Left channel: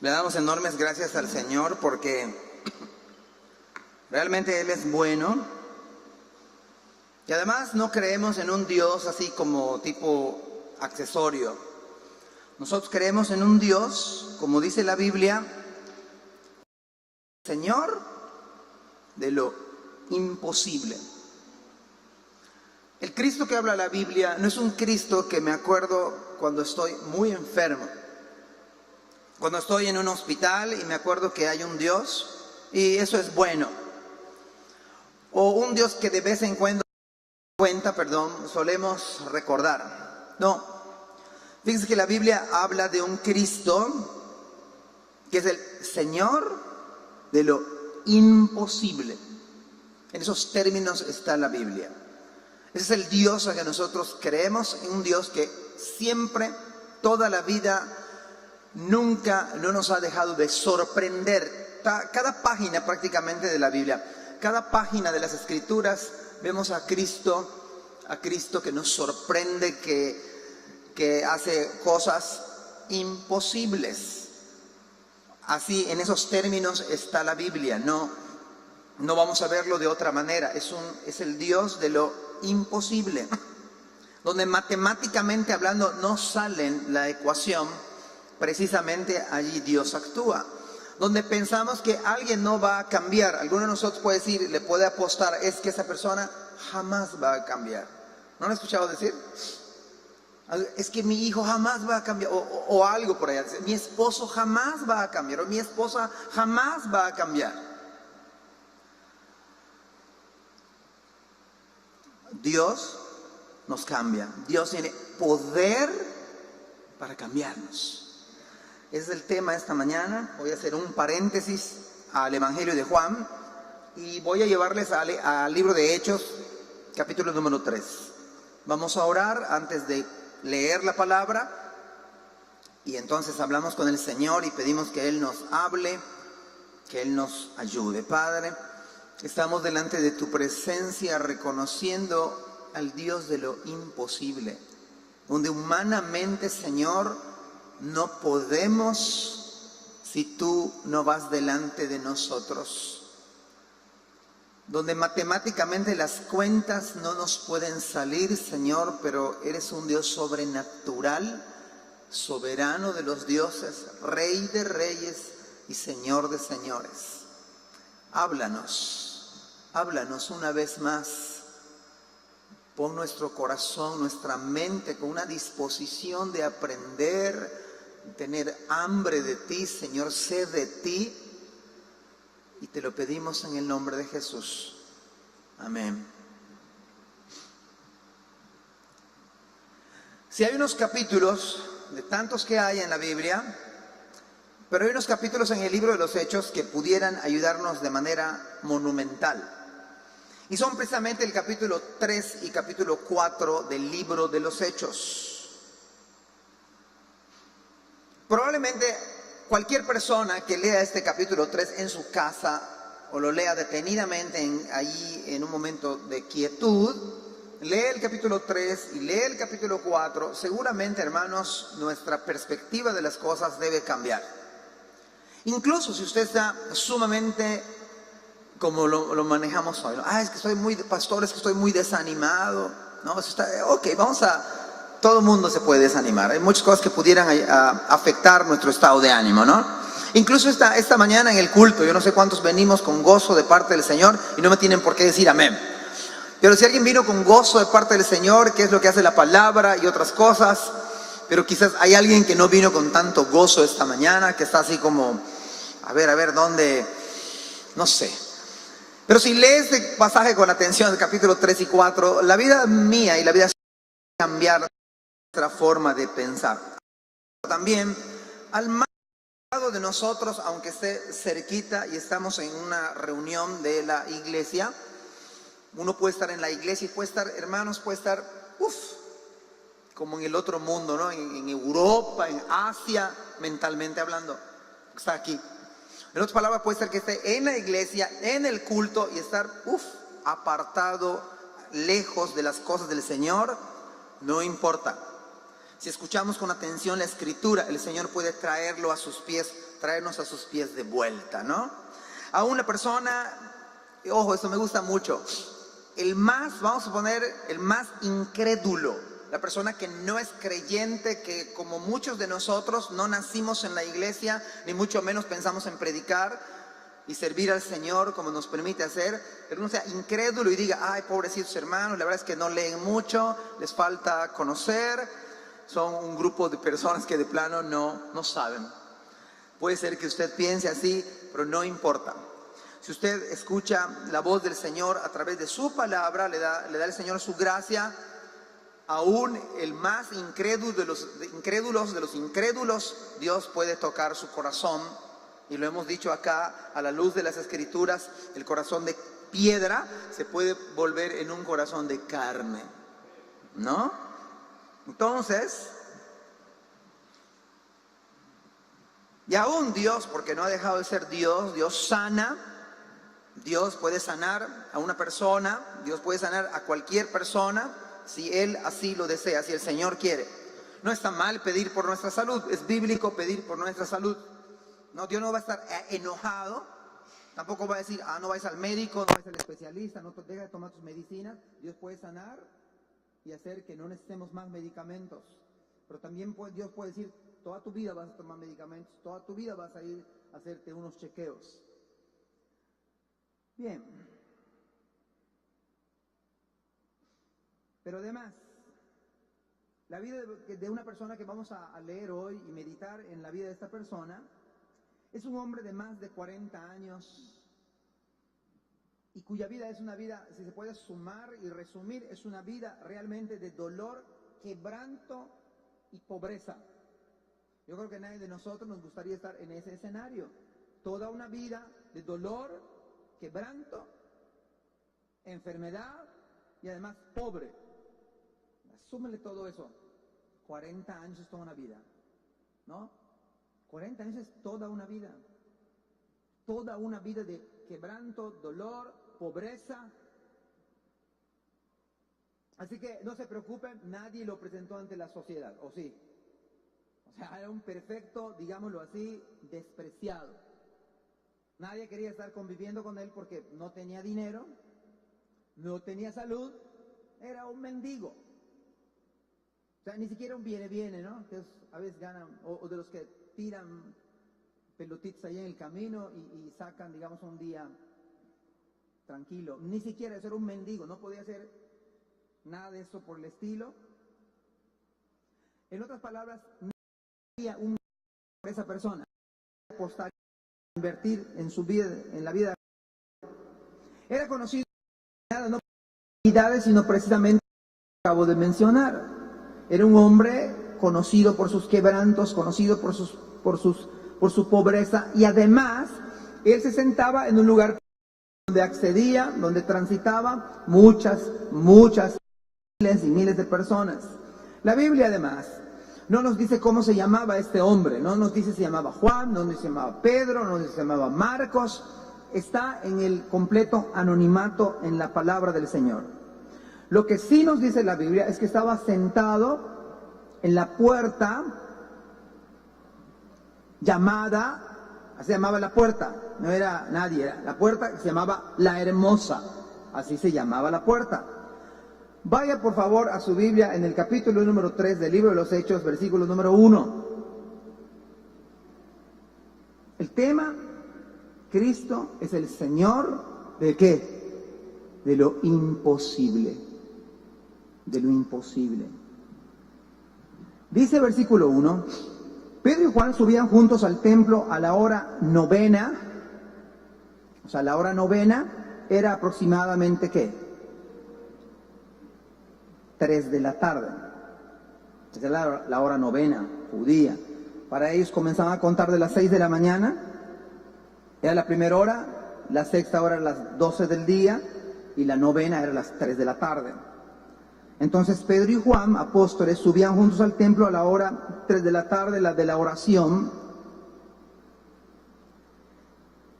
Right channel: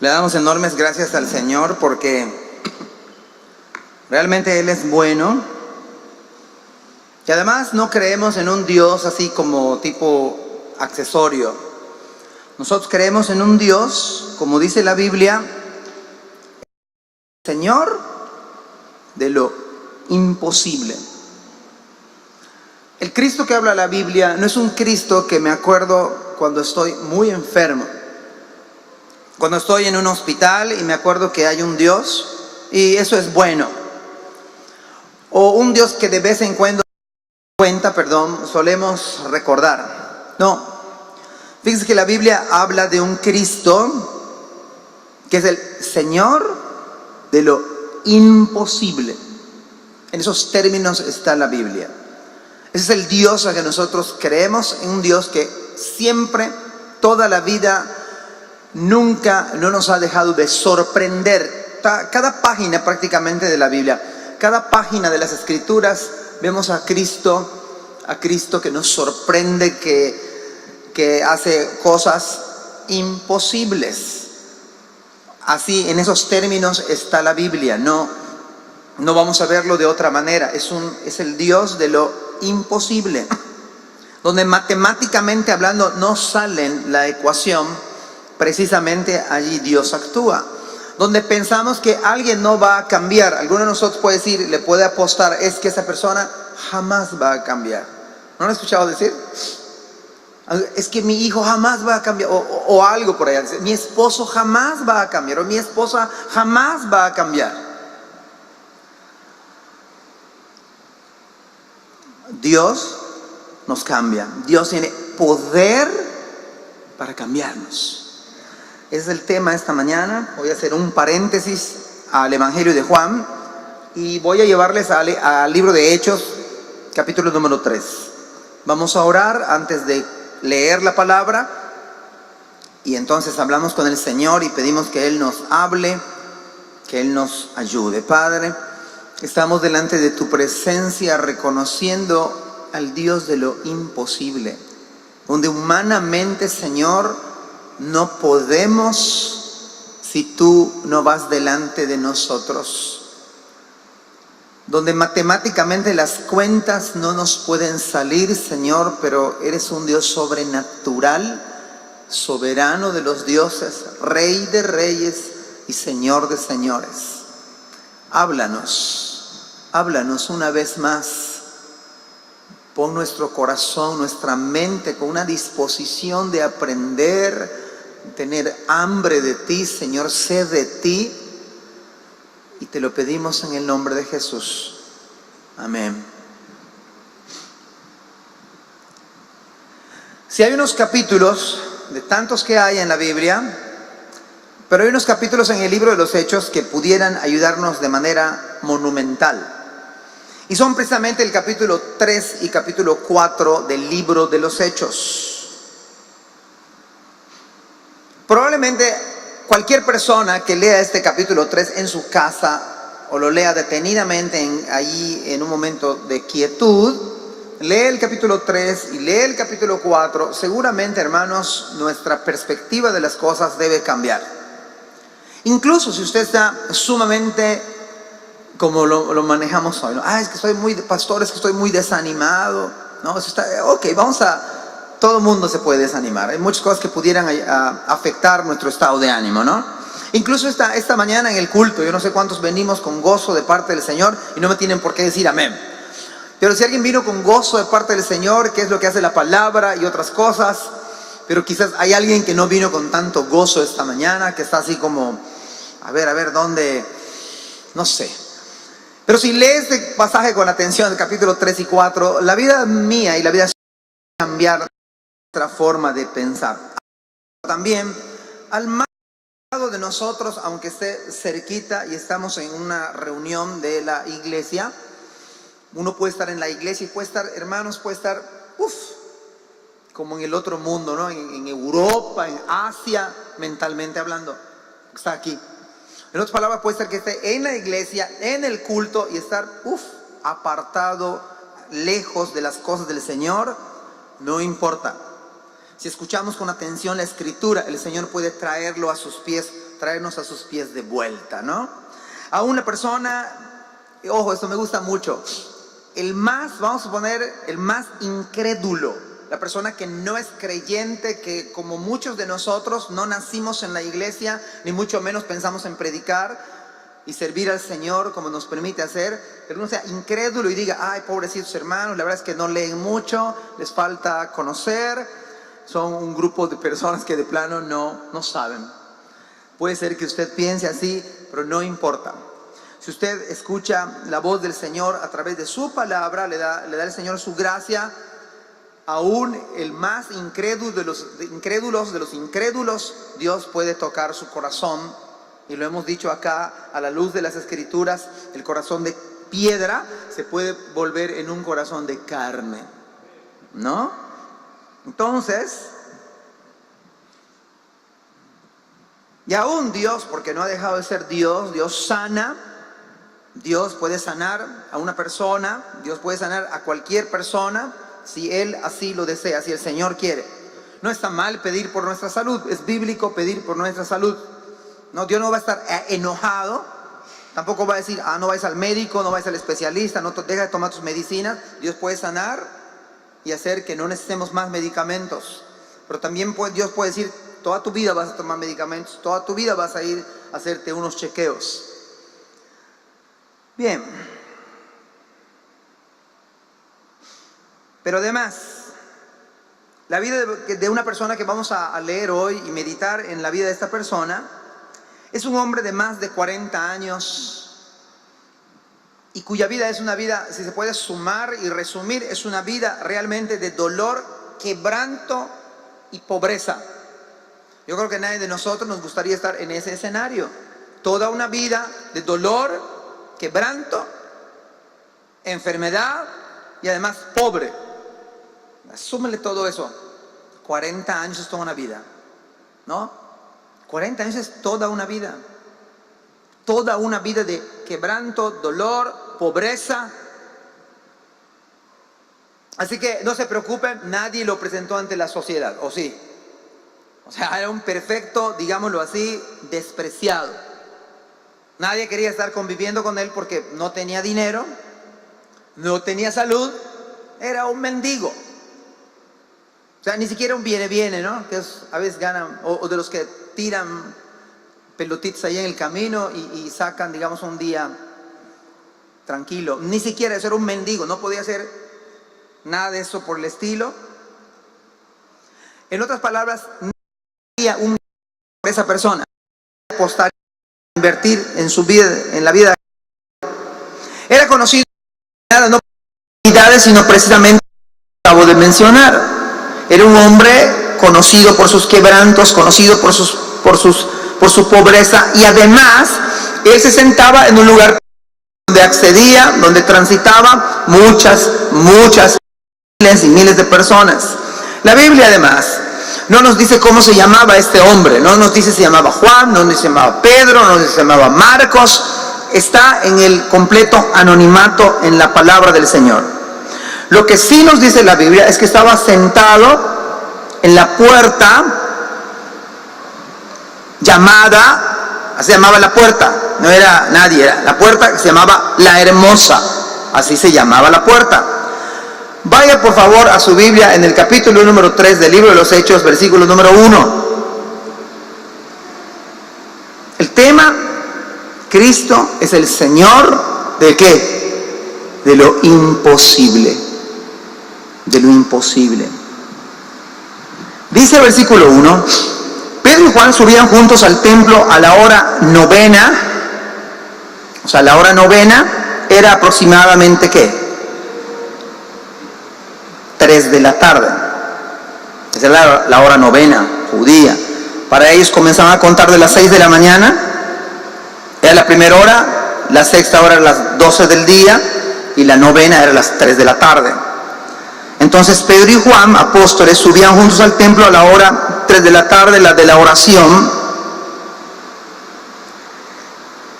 Le damos enormes gracias al Señor porque realmente Él es bueno. Y además no creemos en un Dios así como tipo accesorio. Nosotros creemos en un Dios, como dice la Biblia, Señor de lo imposible. El Cristo que habla la Biblia no es un Cristo que me acuerdo cuando estoy muy enfermo. Cuando estoy en un hospital y me acuerdo que hay un Dios y eso es bueno. O un Dios que de vez en cuando solemos recordar. No. Fíjense que la Biblia habla de un Cristo que es el Señor de lo imposible. En esos términos está la Biblia. Ese es el Dios a que nosotros creemos, en un Dios que siempre, toda la vida, nunca no nos ha dejado de sorprender. Cada página prácticamente de la Biblia, cada página de las Escrituras, vemos a Cristo que nos sorprende, que hace cosas imposibles. Así, en esos términos está la Biblia. No vamos a verlo de otra manera. Es el Dios de lo imposible, donde matemáticamente hablando no sale la ecuación. Precisamente allí Dios actúa. Donde pensamos que alguien no va a cambiar, alguno de nosotros puede decir, le puede apostar, es que esa persona jamás va a cambiar. ¿No lo he escuchado decir? Es que mi hijo jamás va a cambiar, o algo por allá. Mi esposo jamás va a cambiar, o mi esposa jamás va a cambiar. Dios nos cambia. Dios tiene poder para cambiarnos. Ese es el tema esta mañana. Voy a hacer un paréntesis al Evangelio de Juan y voy a llevarles al libro de Hechos, capítulo número 3. Vamos a orar antes de leer la palabra y entonces hablamos con el Señor y pedimos que Él nos hable, que Él nos ayude. Padre, estamos delante de tu presencia reconociendo al Dios de lo imposible, donde humanamente, Señor, no podemos si tú no vas delante de nosotros. Donde matemáticamente las cuentas no nos pueden salir, Señor, pero eres un Dios sobrenatural, soberano de los dioses, Rey de reyes y Señor de señores. Háblanos una vez más. Pon nuestro corazón, nuestra mente con una disposición de aprender, tener hambre de ti, Señor, sed de ti. Y te lo pedimos en el nombre de Jesús. Amén. Si hay unos capítulos, de tantos que hay en la Biblia, pero hay unos capítulos en el libro de los Hechos que pudieran ayudarnos de manera monumental. Y son precisamente el capítulo 3 y capítulo 4 del libro de los Hechos. Probablemente cualquier persona que lea este capítulo 3 en su casa o lo lea detenidamente allí en un momento de quietud, lee el capítulo 3 y lee el capítulo 4, seguramente, hermanos, nuestra perspectiva de las cosas debe cambiar. Incluso si usted está sumamente, como lo manejamos hoy, ¿no? Es que estoy muy desanimado, ¿no? Todo el mundo se puede desanimar. Hay muchas cosas que pudieran afectar nuestro estado de ánimo, ¿no? Incluso esta mañana en el culto, yo no sé cuántos venimos con gozo de parte del Señor y no me tienen por qué decir amén. Pero si alguien vino con gozo de parte del Señor, que es lo que hace la palabra y otras cosas, pero quizás hay alguien que no vino con tanto gozo esta mañana, que está así como, a ver, ¿dónde? No sé. Pero si lees este pasaje con atención, el capítulo 3 y 4, la vida mía y la vida va a cambiar nuestra forma de pensar. También, al más lado de nosotros, aunque esté cerquita y estamos en una reunión de la iglesia, uno puede estar en la iglesia y puede estar, hermanos, como en el otro mundo, ¿no? En Europa, en Asia, mentalmente hablando. Está aquí. En otras palabras, puede ser que esté en la iglesia, en el culto y estar, apartado, lejos de las cosas del Señor. No importa. Si escuchamos con atención la Escritura, el Señor puede traerlo a sus pies, traernos a sus pies de vuelta, ¿no? A una persona, ojo, esto me gusta mucho, vamos a poner, el más incrédulo, la persona que no es creyente, que como muchos de nosotros no nacimos en la iglesia, ni mucho menos pensamos en predicar y servir al Señor como nos permite hacer, pero uno sea incrédulo y diga, ay, pobrecitos hermanos, la verdad es que no leen mucho, les falta conocer, son un grupo de personas que de plano no saben. Puede ser que usted piense así, pero no importa. Si usted escucha la voz del Señor a través de su palabra, le da el Señor su gracia, aún el más incrédulo de los incrédulos, Dios puede tocar su corazón. Y lo hemos dicho acá, a la luz de las Escrituras, el corazón de piedra se puede volver en un corazón de carne, ¿no? Entonces, y aún Dios, porque no ha dejado de ser Dios, Dios sana, Dios puede sanar a una persona, Dios puede sanar a cualquier persona, si Él así lo desea, si el Señor quiere. No está mal pedir por nuestra salud, es bíblico pedir por nuestra salud. No, Dios no va a estar enojado, tampoco va a decir, no vayas al médico, no vayas al especialista, no deja de tomar tus medicinas. Dios puede sanar y hacer que no necesitemos más medicamentos. Pero también Dios puede decir, toda tu vida vas a tomar medicamentos, toda tu vida vas a ir a hacerte unos chequeos. Bien. Pero además, la vida de una persona que vamos a leer hoy y meditar en la vida de esta persona, es un hombre de más de 40 años y cuya vida es una vida, si se puede sumar y resumir, es una vida realmente de dolor, quebranto y pobreza. Yo creo que nadie de nosotros nos gustaría estar en ese escenario. Toda una vida de dolor, quebranto, enfermedad y además pobre. Asúmele todo eso. 40 años es toda una vida, ¿no? 40 años es toda una vida. Toda una vida de quebranto, dolor, pobreza. Así que no se preocupen, nadie lo presentó ante la sociedad, ¿o sí? O sea, era un perfecto, digámoslo así, despreciado. Nadie quería estar conviviendo con él porque no tenía dinero, no tenía salud, era un mendigo. O sea, ni siquiera un viene, ¿no? Que a veces ganan, o de los que tiran pelotitas ahí en el camino y sacan, digamos, un día tranquilo. Ni siquiera eso, era un mendigo, no podía hacer nada de eso por el estilo. En otras palabras, no había un por esa persona apostar, invertir en su vida, en la vida. Era conocido no por habilidades, sino precisamente lo que acabo de mencionar. Era un hombre conocido por sus quebrantos, conocido por su pobreza, y además él se sentaba en un lugar donde accedía, donde transitaba muchas miles y miles de personas. La Biblia además no nos dice cómo se llamaba este hombre, no nos dice si se llamaba Juan, no nos dice si se llamaba Pedro, no nos dice si se llamaba Marcos. Está en el completo anonimato en la palabra del Señor. Lo que sí nos dice la Biblia es que estaba sentado en la puerta llamada, así se llamaba la puerta, no era nadie, era la puerta que se llamaba La Hermosa, así se llamaba la puerta. Vaya por favor a su Biblia en el capítulo número 3 del libro de los Hechos, versículo número 1. El tema, Cristo es el Señor ¿de qué? De lo imposible. De lo imposible. Dice el versículo 1, Pedro y Juan subían juntos al templo a la hora novena. O sea, la hora novena era aproximadamente ¿qué? 3 de la tarde. Esa era la hora novena judía. Para ellos comenzaban a contar de las 6 de la mañana. Era la primera hora, la sexta hora era las 12 del día y la novena era las 3 de la tarde. Entonces Pedro y Juan, apóstoles, subían juntos al templo a la hora 3 de la tarde, la de la oración.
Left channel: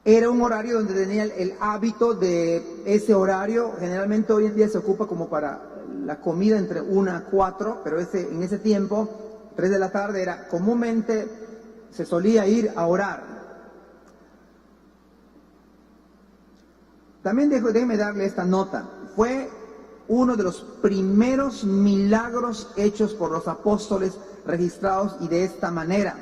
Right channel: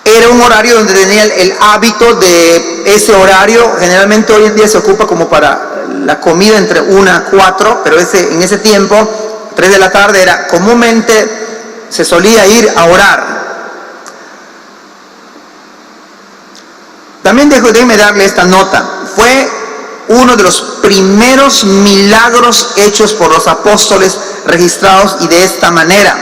Era un horario donde tenía el hábito de ese horario. Generalmente hoy en día se ocupa como para la comida entre 1 a 4, pero en ese tiempo, 3 de la tarde, era comúnmente se solía ir a orar. También déjeme darle esta nota. Fue uno de los primeros milagros hechos por los apóstoles registrados y de esta manera.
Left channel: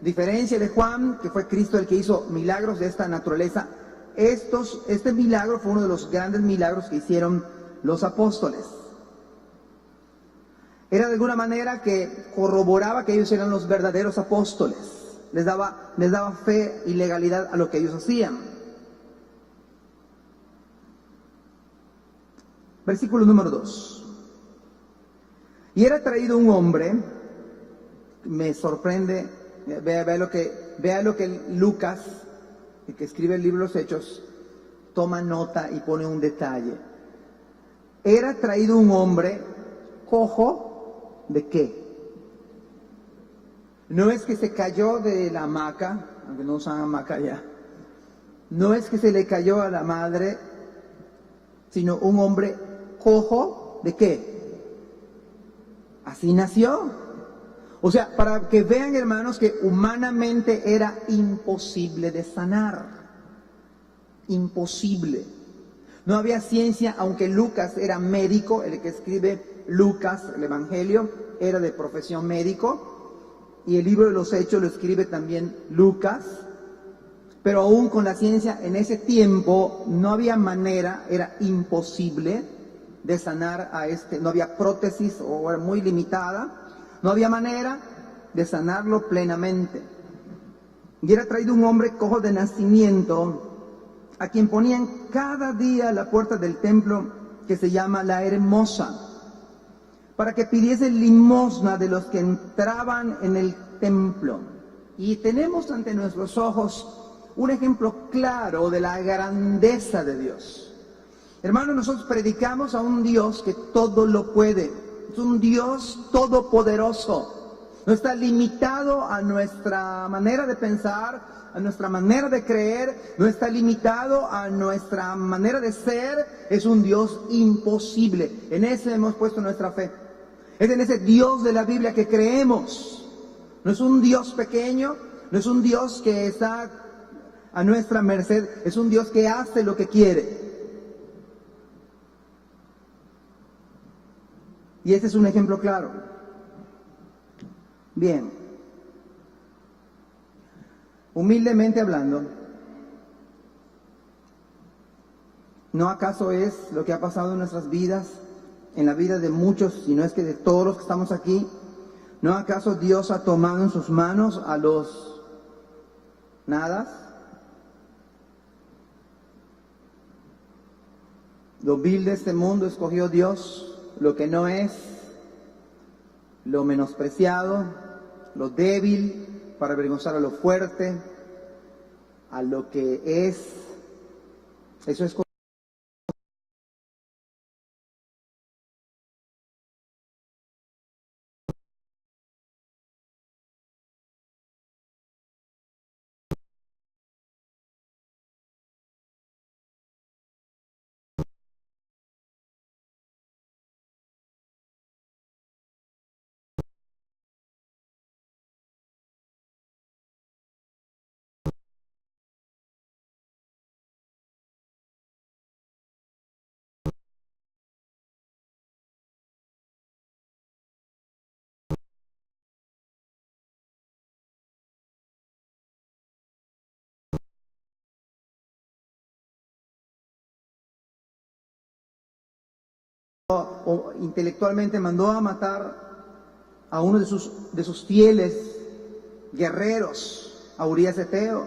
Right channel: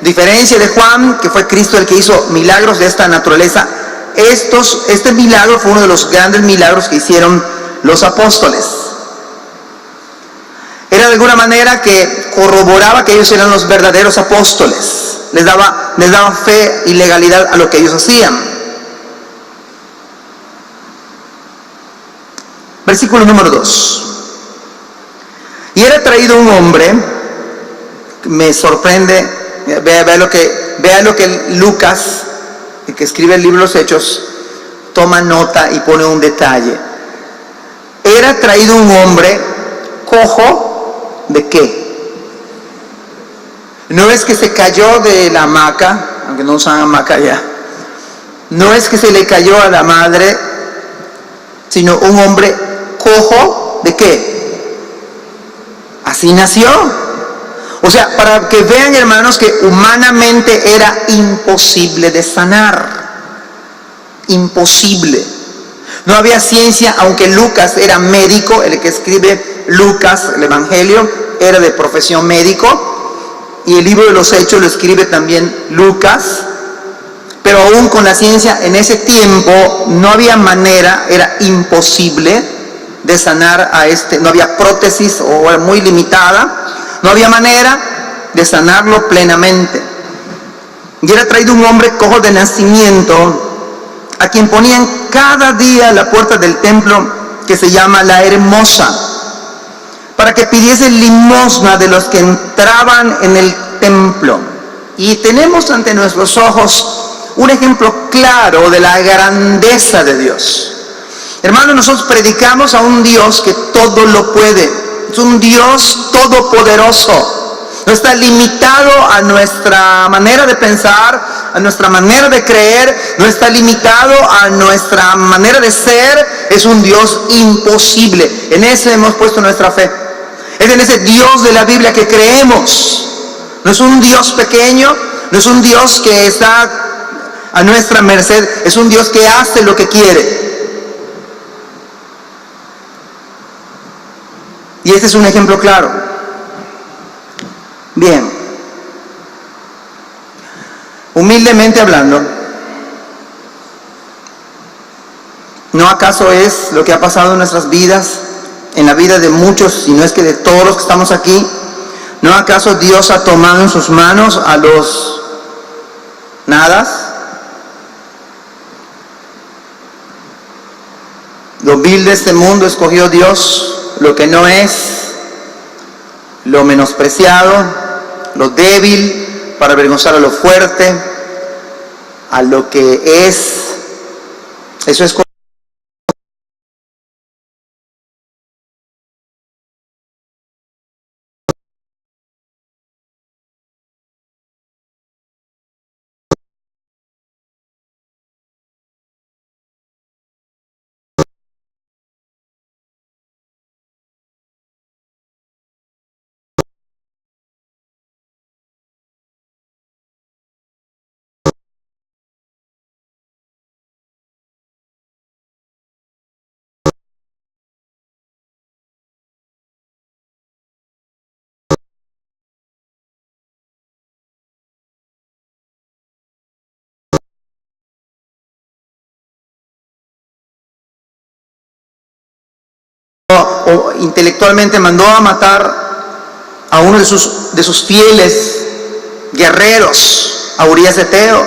A diferencia de Juan, que fue Cristo el que hizo milagros de esta naturaleza, este milagro fue uno de los grandes milagros que hicieron los apóstoles. Era de alguna manera que corroboraba que ellos eran los verdaderos apóstoles. Les daba fe y legalidad a lo que ellos hacían. Versículo número 2. Y era traído un hombre, me sorprende, vea lo que Lucas, el que escribe el libro de los Hechos, toma nota y pone un detalle. Era traído un hombre cojo, ¿de qué? No es que se cayó de la hamaca, aunque no usan hamaca ya. No es que se le cayó a la madre, sino un hombre cojo, ¿de qué? Así nació. O sea, para que vean, hermanos, que humanamente era imposible de sanar. Imposible. No había ciencia, aunque Lucas era médico, el que escribe Lucas, el Evangelio, era de profesión médico, y el libro de los Hechos lo escribe también Lucas, pero aún con la ciencia en ese tiempo no había manera, era imposible de sanar a no había prótesis o era muy limitada, no había manera de sanarlo plenamente. Y era traído un hombre cojo de nacimiento, a quien ponían cada día a la puerta del templo que se llama La Hermosa, para que pidiese limosna de los que entraban en el templo. Y tenemos ante nuestros ojos un ejemplo claro de la grandeza de Dios. Hermanos, nosotros predicamos a un Dios que todo lo puede. Es un Dios todopoderoso. No está limitado a nuestra manera de pensar, a nuestra manera de creer, no está limitado a nuestra manera de ser. Es un Dios imposible. En ese hemos puesto nuestra fe. Es en ese Dios de la Biblia que creemos. No es un Dios pequeño, no es un Dios que está a nuestra merced, es un Dios que hace lo que quiere. Y este es un ejemplo claro. Bien. Humildemente hablando, ¿no acaso es lo que ha pasado en nuestras vidas, en la vida de muchos, si no es que de todos los que estamos aquí? ¿No acaso Dios ha tomado en sus manos a los nadas? Lo vil de este mundo escogió Dios, lo que no es, lo menospreciado, lo débil, para avergonzar a lo fuerte, a lo que es. Eso es o intelectualmente mandó a matar a uno de sus fieles guerreros, a Urías Eteo.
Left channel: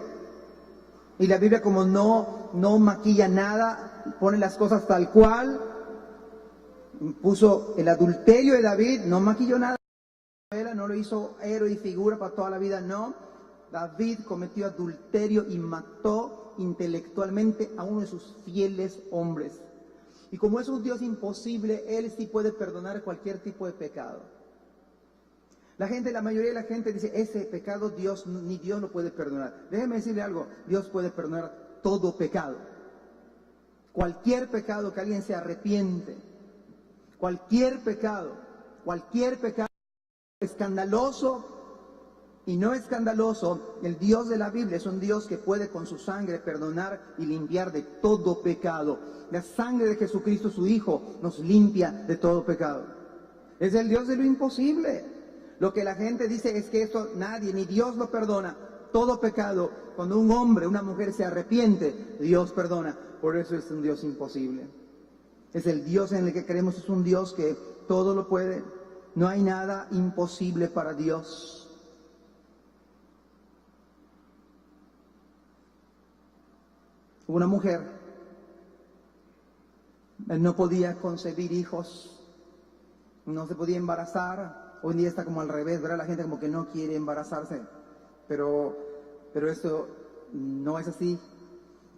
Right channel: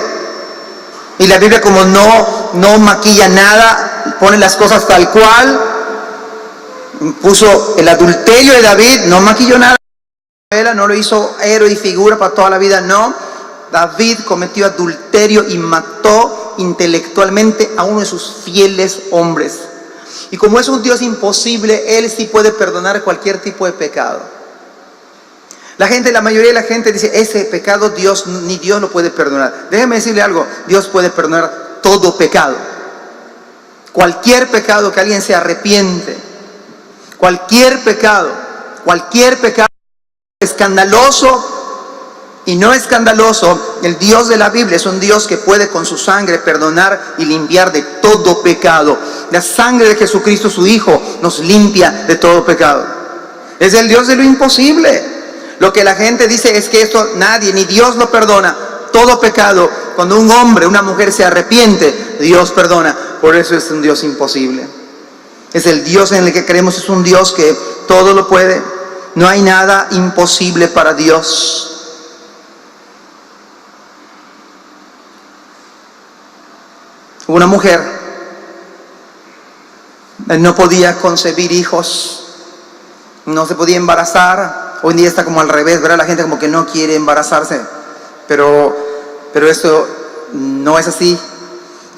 Y la Biblia, como no maquilla nada, pone las cosas tal cual. Puso el adulterio de David, no maquilló nada, no lo hizo héroe y figura para toda la vida, no. David cometió adulterio y mató intelectualmente a uno de sus fieles hombres. Y como es un Dios imposible, Él sí puede perdonar cualquier tipo de pecado. La mayoría de la gente dice, ese pecado ni Dios lo puede perdonar. Déjeme decirle algo, Dios puede perdonar todo pecado. Cualquier pecado que alguien se arrepiente, cualquier pecado escandaloso, y no escandaloso. El Dios de la Biblia es un Dios que puede con su sangre perdonar y limpiar de todo pecado. La sangre de Jesucristo, su Hijo, nos limpia de todo pecado. Es el Dios de lo imposible. Lo que la gente dice es que esto nadie, ni Dios lo perdona. Todo pecado, cuando un hombre, una mujer se arrepiente, Dios perdona. Por eso es un Dios imposible. Es el Dios en el que creemos, es un Dios que todo lo puede. No hay nada imposible para Dios. Una mujer no podía concebir hijos, no se podía embarazar. Hoy en día está como al revés, ¿verdad? La gente como que no quiere embarazarse, pero esto no es así,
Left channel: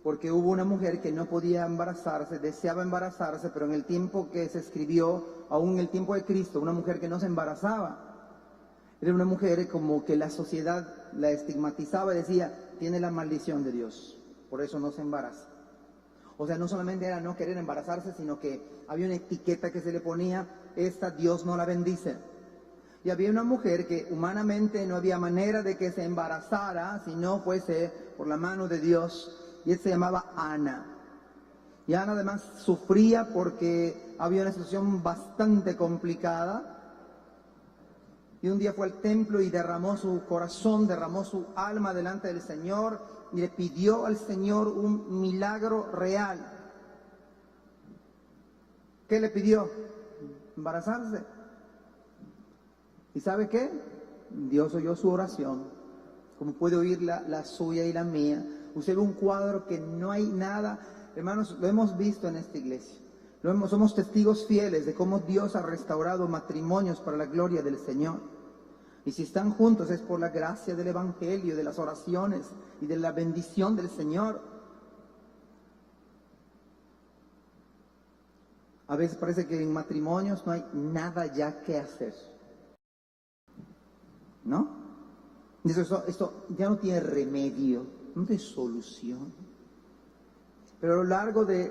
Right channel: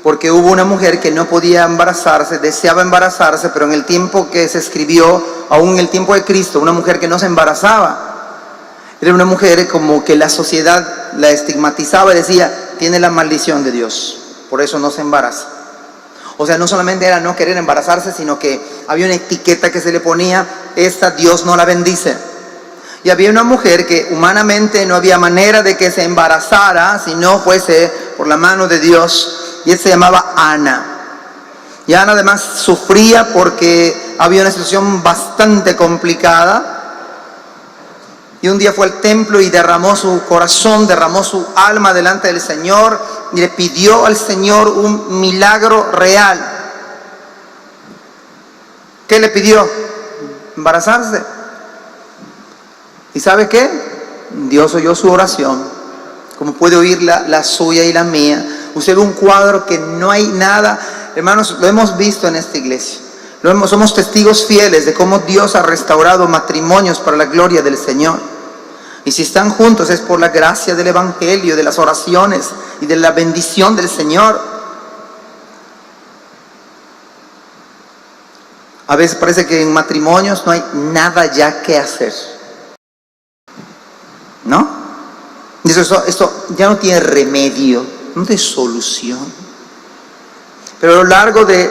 porque hubo una mujer que no podía embarazarse, deseaba embarazarse, pero en el tiempo que se escribió, aún en el tiempo de Cristo, una mujer que no se embarazaba, era una mujer como que la sociedad la estigmatizaba y decía, tiene la maldición de Dios. Por eso no se embaraza. O sea, no solamente era no querer embarazarse, sino que había una etiqueta que se le ponía, esta Dios no la bendice. Y había una mujer que humanamente no había manera de que se embarazara si no fuese por la mano de Dios. Y él se llamaba Ana. Y Ana además sufría porque había una situación bastante complicada. Y un día fue al templo y derramó su corazón, derramó su alma delante del Señor y le pidió al Señor un milagro real. ¿Qué le pidió? Embarazarse. ¿Y sabe qué? Dios oyó su oración, como puede oír la suya y la mía. Usted ve un cuadro que no hay nada. Hermanos, lo hemos visto en esta iglesia. Somos testigos fieles de cómo Dios ha restaurado matrimonios para la gloria del Señor. Y si están juntos es por la gracia del Evangelio, de las oraciones y de la bendición del Señor. A veces parece que en matrimonios no hay nada ya que hacer, ¿no? Esto ya no tiene remedio, no tiene solución. Pero a lo largo de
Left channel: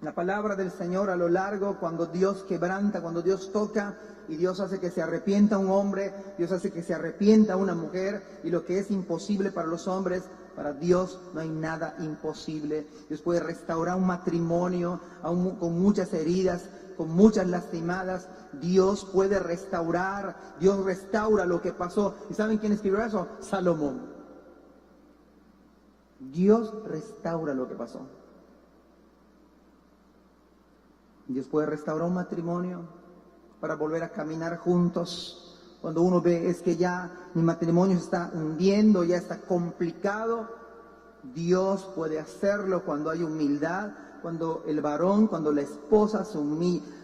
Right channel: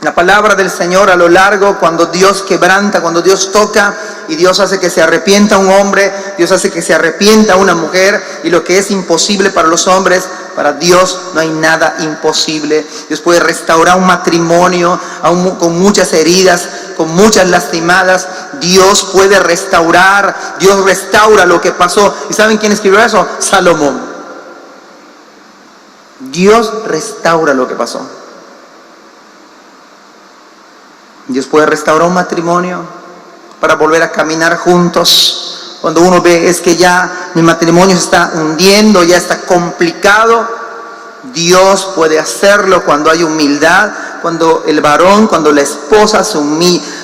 la palabra del Señor, a lo largo, cuando Dios quebranta, cuando Dios toca y Dios hace que se arrepienta un hombre, Dios hace que se arrepienta una mujer, y lo que es imposible para los hombres, para Dios no hay nada imposible. Dios puede restaurar un matrimonio aún con muchas heridas, con muchas lastimadas. Dios puede restaurar, Dios restaura lo que pasó. ¿Y saben quién escribió eso? Salomón. Dios restaura lo que pasó. Dios puede restaurar un matrimonio para volver a caminar juntos. Cuando uno ve es que ya mi matrimonio se está hundiendo, ya está complicado, Dios puede hacerlo cuando hay humildad, cuando el varón, cuando la esposa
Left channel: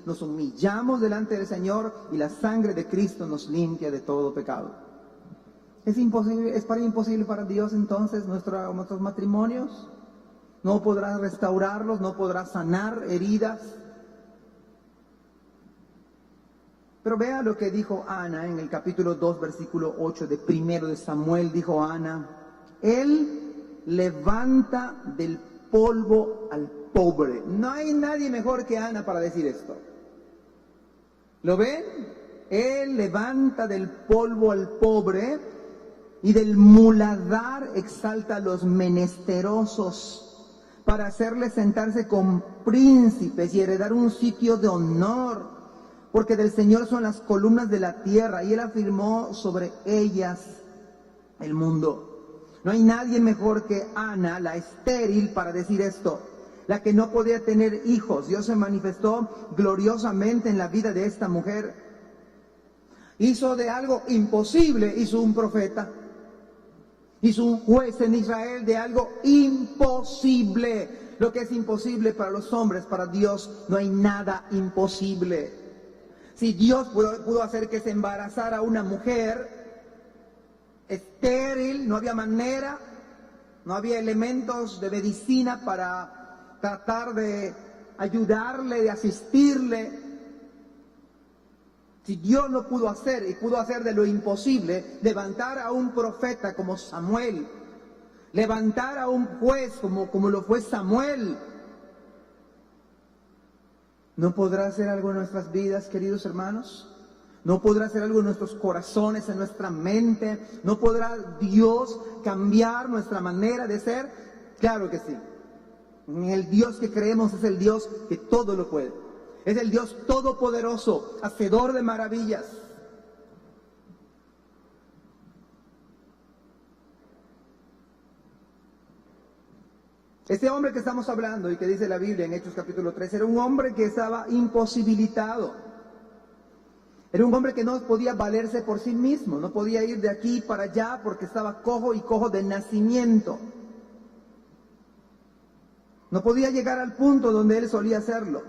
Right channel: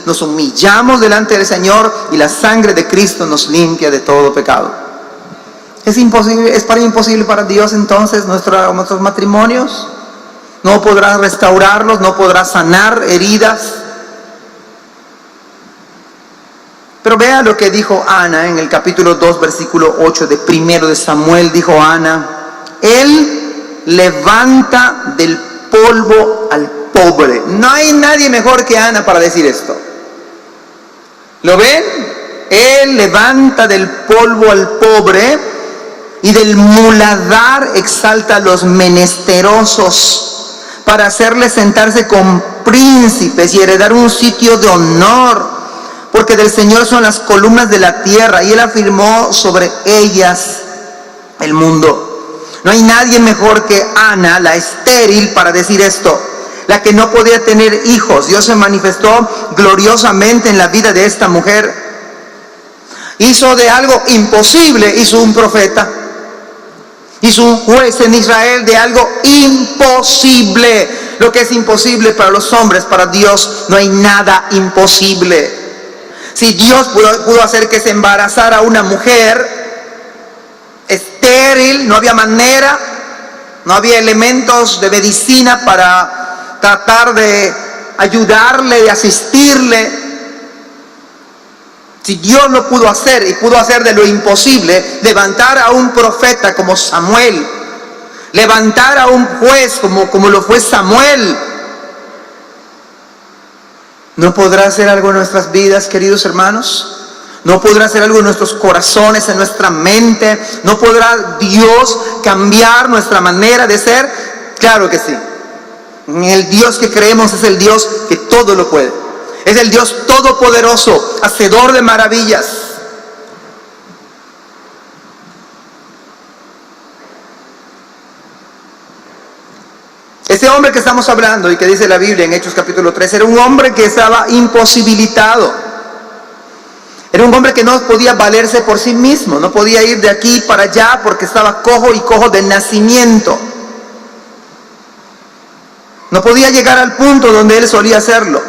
nos humillamos delante del Señor y la sangre de Cristo nos limpia de todo pecado. ¿Es imposible para Dios entonces nuestros matrimonios? ¿No podrá restaurarlos? ¿No podrá sanar heridas? Pero vea lo que dijo Ana en el capítulo 2, versículo 8 de 1 de Samuel. Dijo Ana, Él levanta del polvo al pobre. No hay nadie mejor que Ana para decir esto. ¿Lo ven? Él levanta del polvo al pobre y del muladar exalta a los menesterosos para hacerles sentarse con príncipes y heredar un sitio de honor. Porque del Señor son las columnas de la tierra y Él afirmó sobre ellas el mundo. No hay nadie mejor que Ana, la estéril, para decir esto. La que no podía tener hijos. Dios se manifestó gloriosamente en la vida de esta mujer. Hizo de algo imposible, hizo un profeta. Hizo un juez en Israel de algo imposible. Lo que es imposible para los hombres, para Dios no hay nada imposible. Si Dios pudo hacer que se embarazara una mujer estéril, no había manera, no había elementos de medicina para tratar de ayudarle, de asistirle. Si Dios lo pudo hacer y pudo hacer de lo imposible, levantar a un profeta como Samuel, levantar a un juez como lo fue Samuel, ¿no podrá hacer algo en nuestras vidas, queridos hermanos? ¿No podrá hacer algo en nuestros corazones, en nuestra mente? ¿No podrá Dios cambiar nuestra manera de ser? Claro que sí. El Dios que creemos es el Dios que todo lo puede. Es el Dios todopoderoso, hacedor de maravillas. Ese hombre que estamos hablando y que dice la Biblia en Hechos capítulo 3, era un hombre que estaba imposibilitado. Era un hombre que no podía valerse por sí mismo, no podía ir de aquí para allá porque estaba cojo y cojo de nacimiento. No podía llegar al punto donde él solía hacerlo.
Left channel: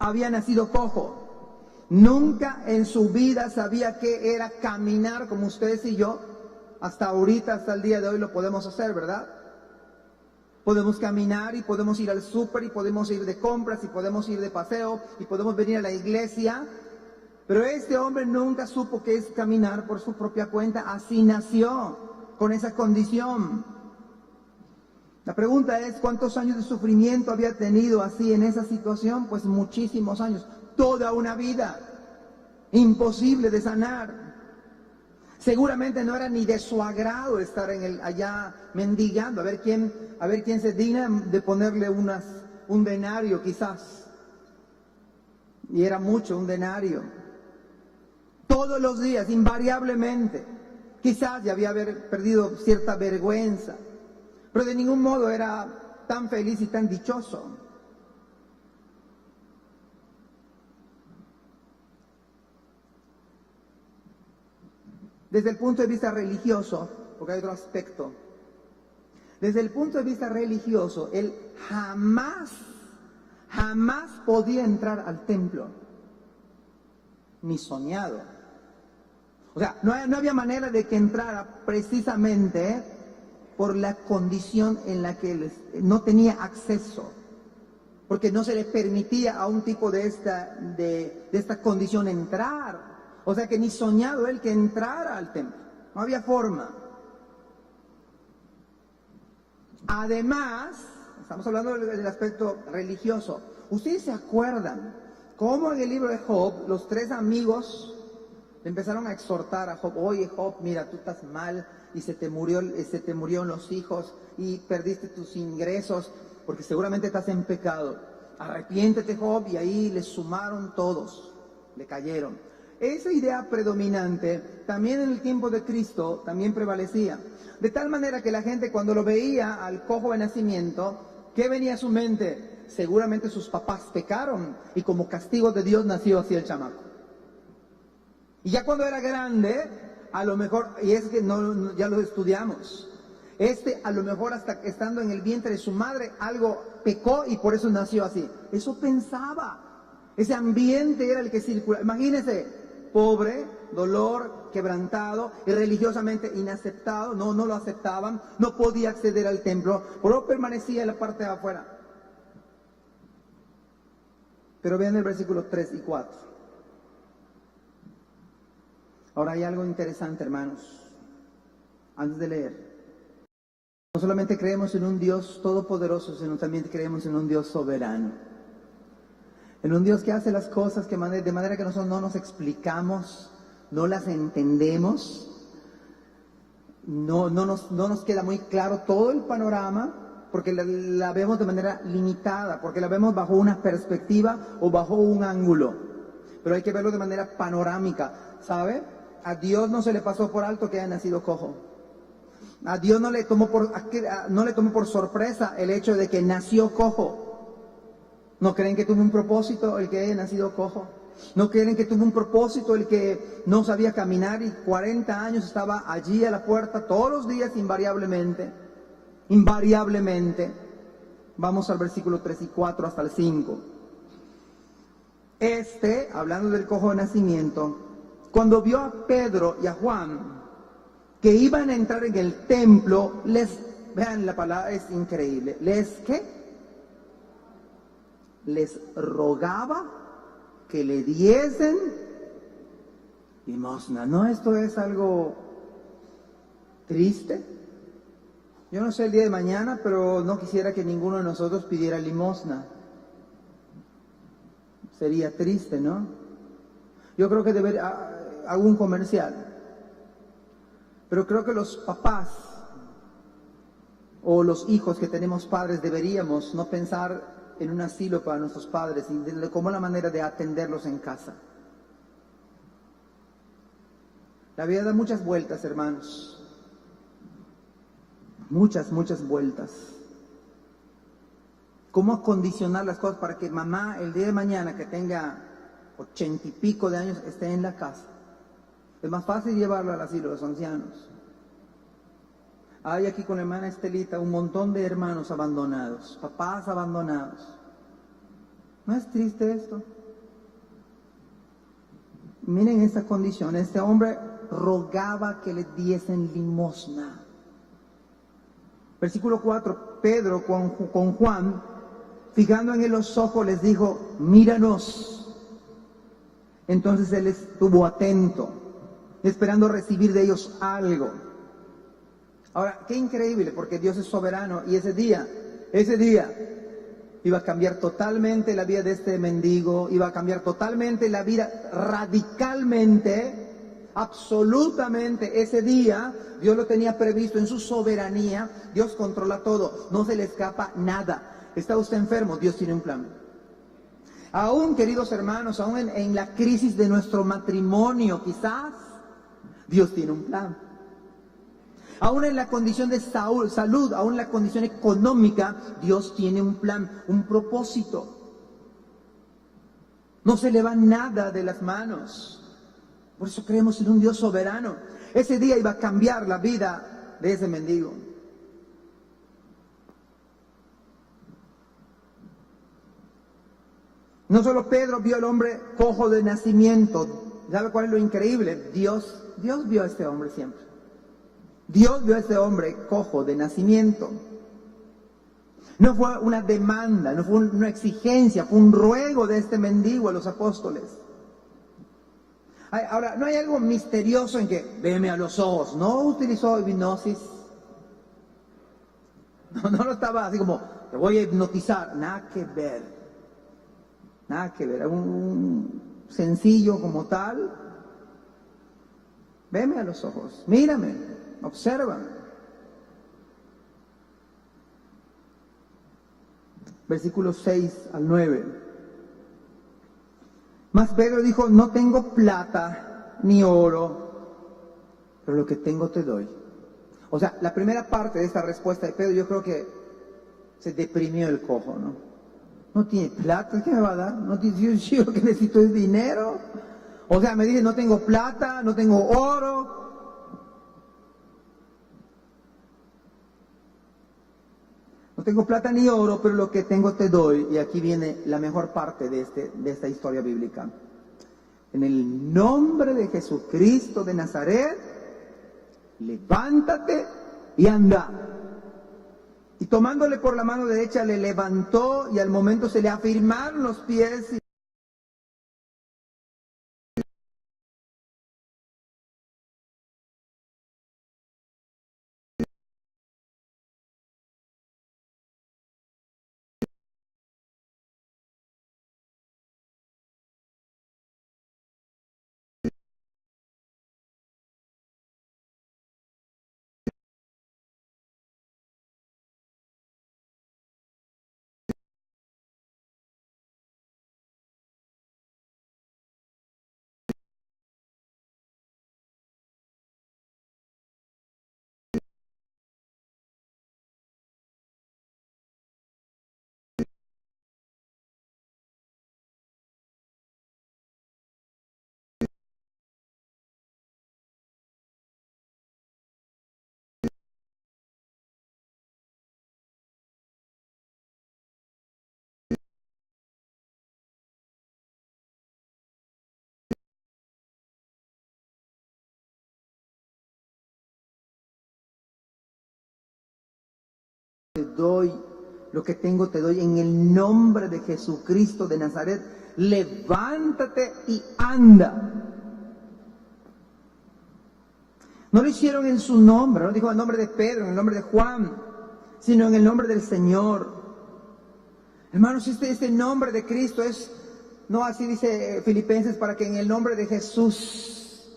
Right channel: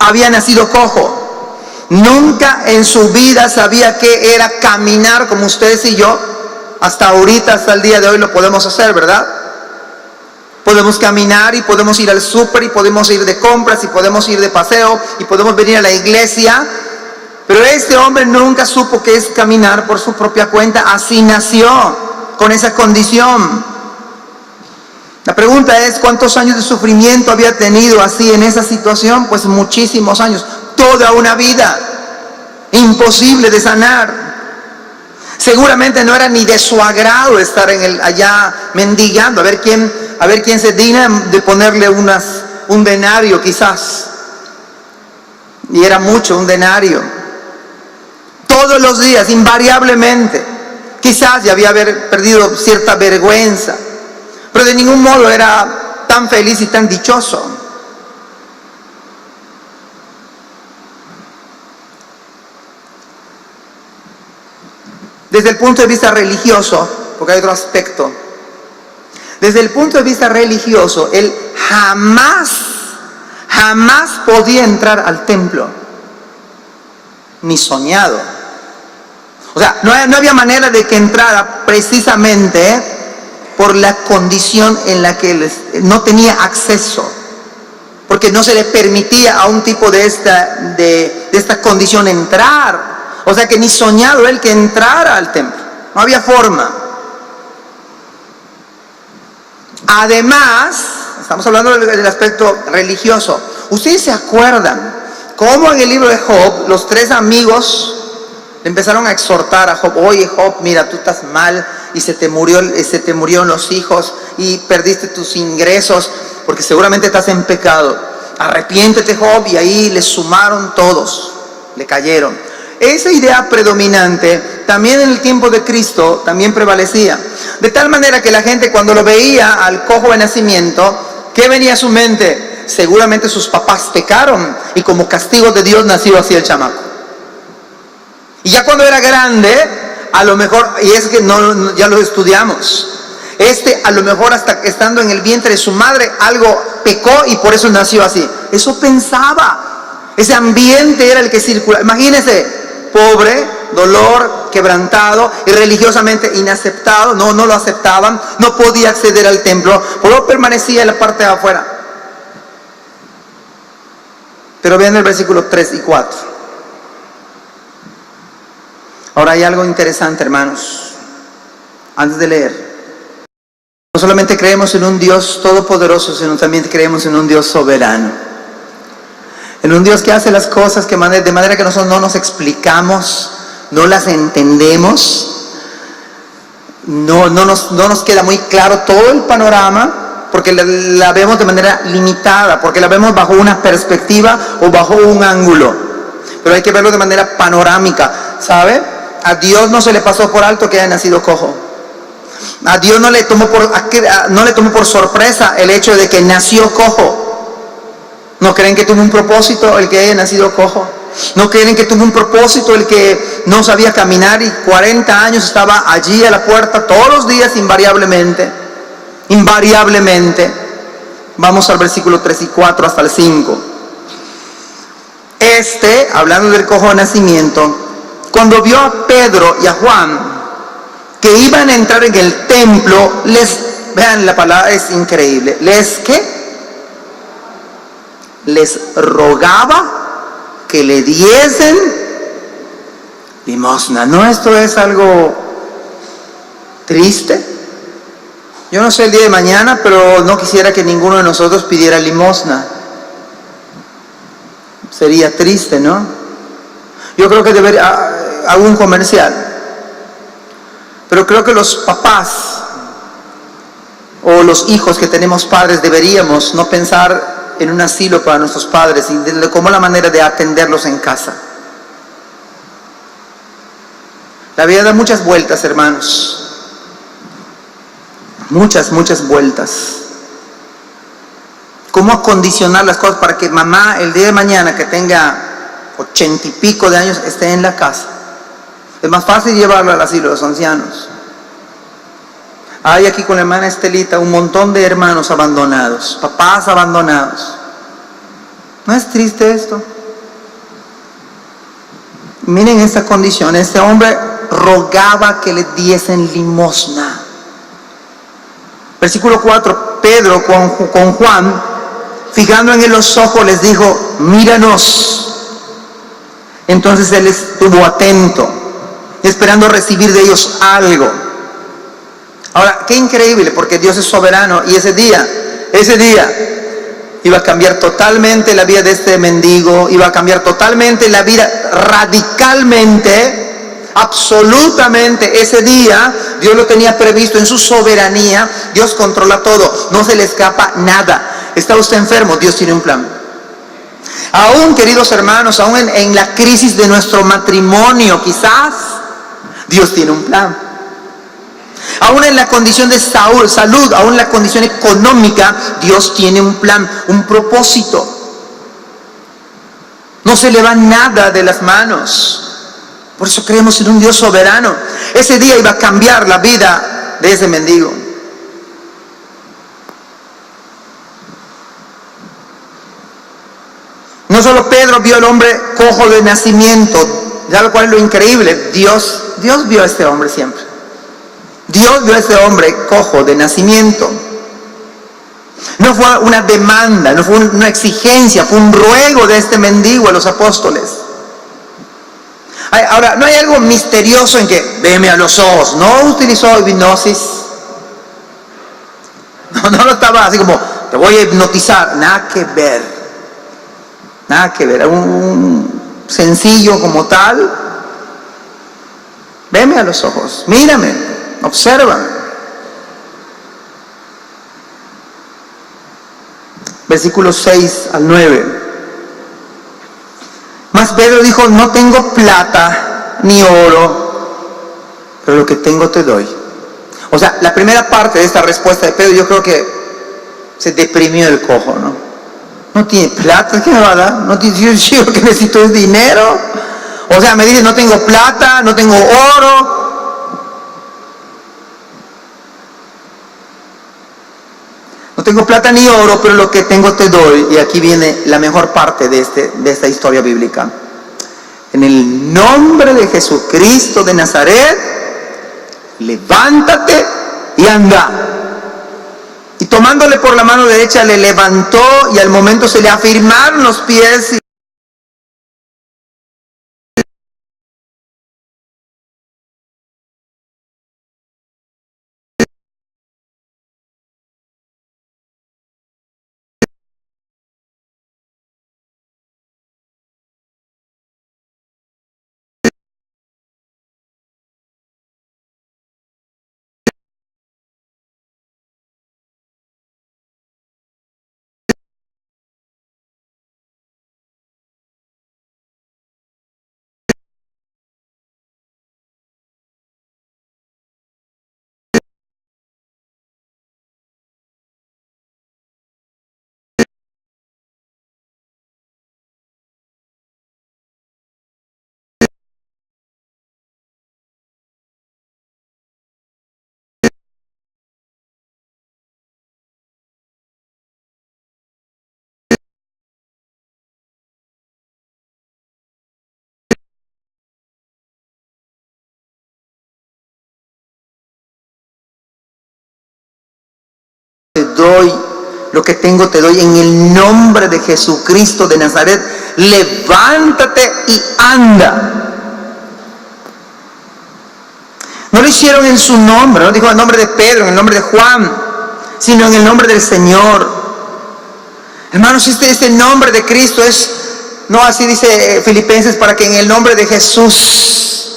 Había nacido cojo. Nunca en su vida sabía qué era caminar como ustedes y yo. Hasta ahorita, hasta el día de hoy lo podemos hacer, ¿verdad? Podemos caminar y podemos ir al súper y podemos ir de compras y podemos ir de paseo y podemos venir a la iglesia. Pero este hombre nunca supo qué es caminar por su propia cuenta. Así nació, con esa condición. La pregunta es, ¿cuántos años de sufrimiento había tenido así en esa situación? Pues muchísimos años, toda una vida, imposible de sanar. Seguramente no era ni de su agrado estar allá mendigando, a ver quién se digna de ponerle un denario quizás. Y era mucho, un denario. Todos los días, invariablemente. Quizás ya había perdido cierta vergüenza, pero de ningún modo era tan feliz y tan dichoso. Desde el punto de vista religioso, porque hay otro aspecto, desde el punto de vista religioso, él jamás podía entrar al templo, ni soñado. O sea, no había manera de que entrara precisamente por la condición en la que él no tenía acceso, porque no se le permitía a un tipo de esta condición entrar. O sea que ni soñado él que entrara al templo. No había forma. Además, estamos hablando del aspecto religioso. ¿Ustedes se acuerdan cómo en el libro de Job los tres amigos le empezaron a exhortar a Job? Oye Job, mira, tú estás mal y se te murieron los hijos y perdiste tus ingresos porque seguramente estás en pecado. Arrepiéntete Job, y ahí le sumaron todos, le cayeron. Esa idea predominante también en el tiempo de Cristo también prevalecía. De tal manera que la gente cuando lo veía al cojo de nacimiento, ¿qué venía a su mente? Seguramente sus papás pecaron y como castigo de Dios nació así el chamaco. Y ya cuando era grande, a lo mejor, y es que ya lo estudiamos, a lo mejor hasta estando en el vientre de su madre algo pecó y por eso nació así. Eso pensaba. Ese ambiente era el que circulaba. Imagínense. Pobre, dolor, quebrantado y religiosamente inaceptado, no lo aceptaban, no podía acceder al templo, por lo permanecía en la parte de afuera. Pero vean el versículo 3 y 4. Ahora hay algo interesante, hermanos, antes de leer. No solamente creemos en un Dios todopoderoso, sino también creemos en un Dios soberano. En un Dios que hace las cosas de manera que nosotros no nos explicamos, no las entendemos, no nos queda muy claro todo el panorama, porque la vemos de manera limitada, porque la vemos bajo una perspectiva o bajo un ángulo. Pero hay que verlo de manera panorámica, ¿sabe? A Dios no se le pasó por alto que haya nacido cojo. A Dios no le tomó por sorpresa el hecho de que nació cojo. ¿No creen que tuvo un propósito el que haya nacido cojo? ¿No creen que tuvo un propósito el que no sabía caminar y 40 años estaba allí a la puerta todos los días invariablemente? Invariablemente. Vamos al versículo 3 y 4 hasta el 5. Hablando del cojo de nacimiento, cuando vio a Pedro y a Juan que iban a entrar en el templo, vean la palabra, es increíble, les rogaba que le diesen limosna. ¿No esto es algo triste? Yo no sé el día de mañana, pero no quisiera que ninguno de nosotros pidiera limosna. Sería triste, ¿no? Yo creo que hago un comercial, pero creo que los papás o los hijos que tenemos padres deberíamos no pensar en un asilo para nuestros padres y de cómo la manera de atenderlos en casa. La vida da muchas vueltas, hermanos. Muchas vueltas. ¿Cómo acondicionar las cosas para que mamá el día de mañana que tenga 80 y pico de años esté en la casa? Es más fácil llevarla al asilo de los ancianos. Hay aquí con la hermana Estelita un montón de hermanos abandonados, papás abandonados. ¿No es triste esto? Miren esta condición. Este hombre rogaba que le diesen limosna. Versículo 4, Pedro con Juan, fijando en él los ojos, les dijo: míranos. Entonces él estuvo atento, esperando recibir de ellos algo. Ahora, qué increíble, porque Dios es soberano, y ese día iba a cambiar totalmente la vida de este mendigo, iba a cambiar totalmente la vida, radicalmente, absolutamente. Ese día Dios lo tenía previsto en su soberanía. Dios controla todo, no se le escapa nada. ¿Está usted enfermo? Dios tiene un plan. Aún, queridos hermanos, aún en la crisis de nuestro matrimonio, quizás Dios tiene un plan. Aún en la condición de salud, aún en la condición económica, Dios tiene un plan, un propósito. No se le va nada de las manos. Por eso creemos en un Dios soberano. Ese día iba a cambiar la vida de ese mendigo. No solo Pedro vio al hombre cojo de nacimiento, ya lo cual es lo increíble. Dios vio a este hombre siempre. Dios vio a este hombre cojo de nacimiento. No fue una demanda, no fue una exigencia, fue un ruego de este mendigo a los apóstoles. Ahora, no hay algo misterioso en que veme a los ojos. No utilizó hipnosis. No lo estaba así como, te voy a hipnotizar. Nada que ver. Nada que ver. Un sencillo como tal. Veme a los ojos. Mírame. Observa. Versículos 6 al 9. Mas Pedro dijo: no tengo plata ni oro, pero lo que tengo te doy. O sea, la primera parte de esta respuesta de Pedro, yo creo que se deprimió el cojo, ¿no? No tiene plata, ¿qué me va a dar? No tiene, yo lo que necesito es dinero. O sea, me dice: no tengo plata, no tengo oro. No tengo plata ni oro, pero lo que tengo te doy. Y aquí viene la mejor parte de esta historia bíblica. En el nombre de Jesucristo de Nazaret, levántate y anda. Y tomándole por la mano derecha le levantó, y al momento se le afirmaron los pies. Te doy, lo que tengo te doy, en el nombre de Jesucristo de Nazaret, levántate y anda. No lo hicieron en su nombre, no dijo en el nombre de Pedro, en el nombre de Juan, sino en el nombre del Señor. Hermanos, este nombre de Cristo es No, así dice Filipenses, para que en el nombre de Jesús,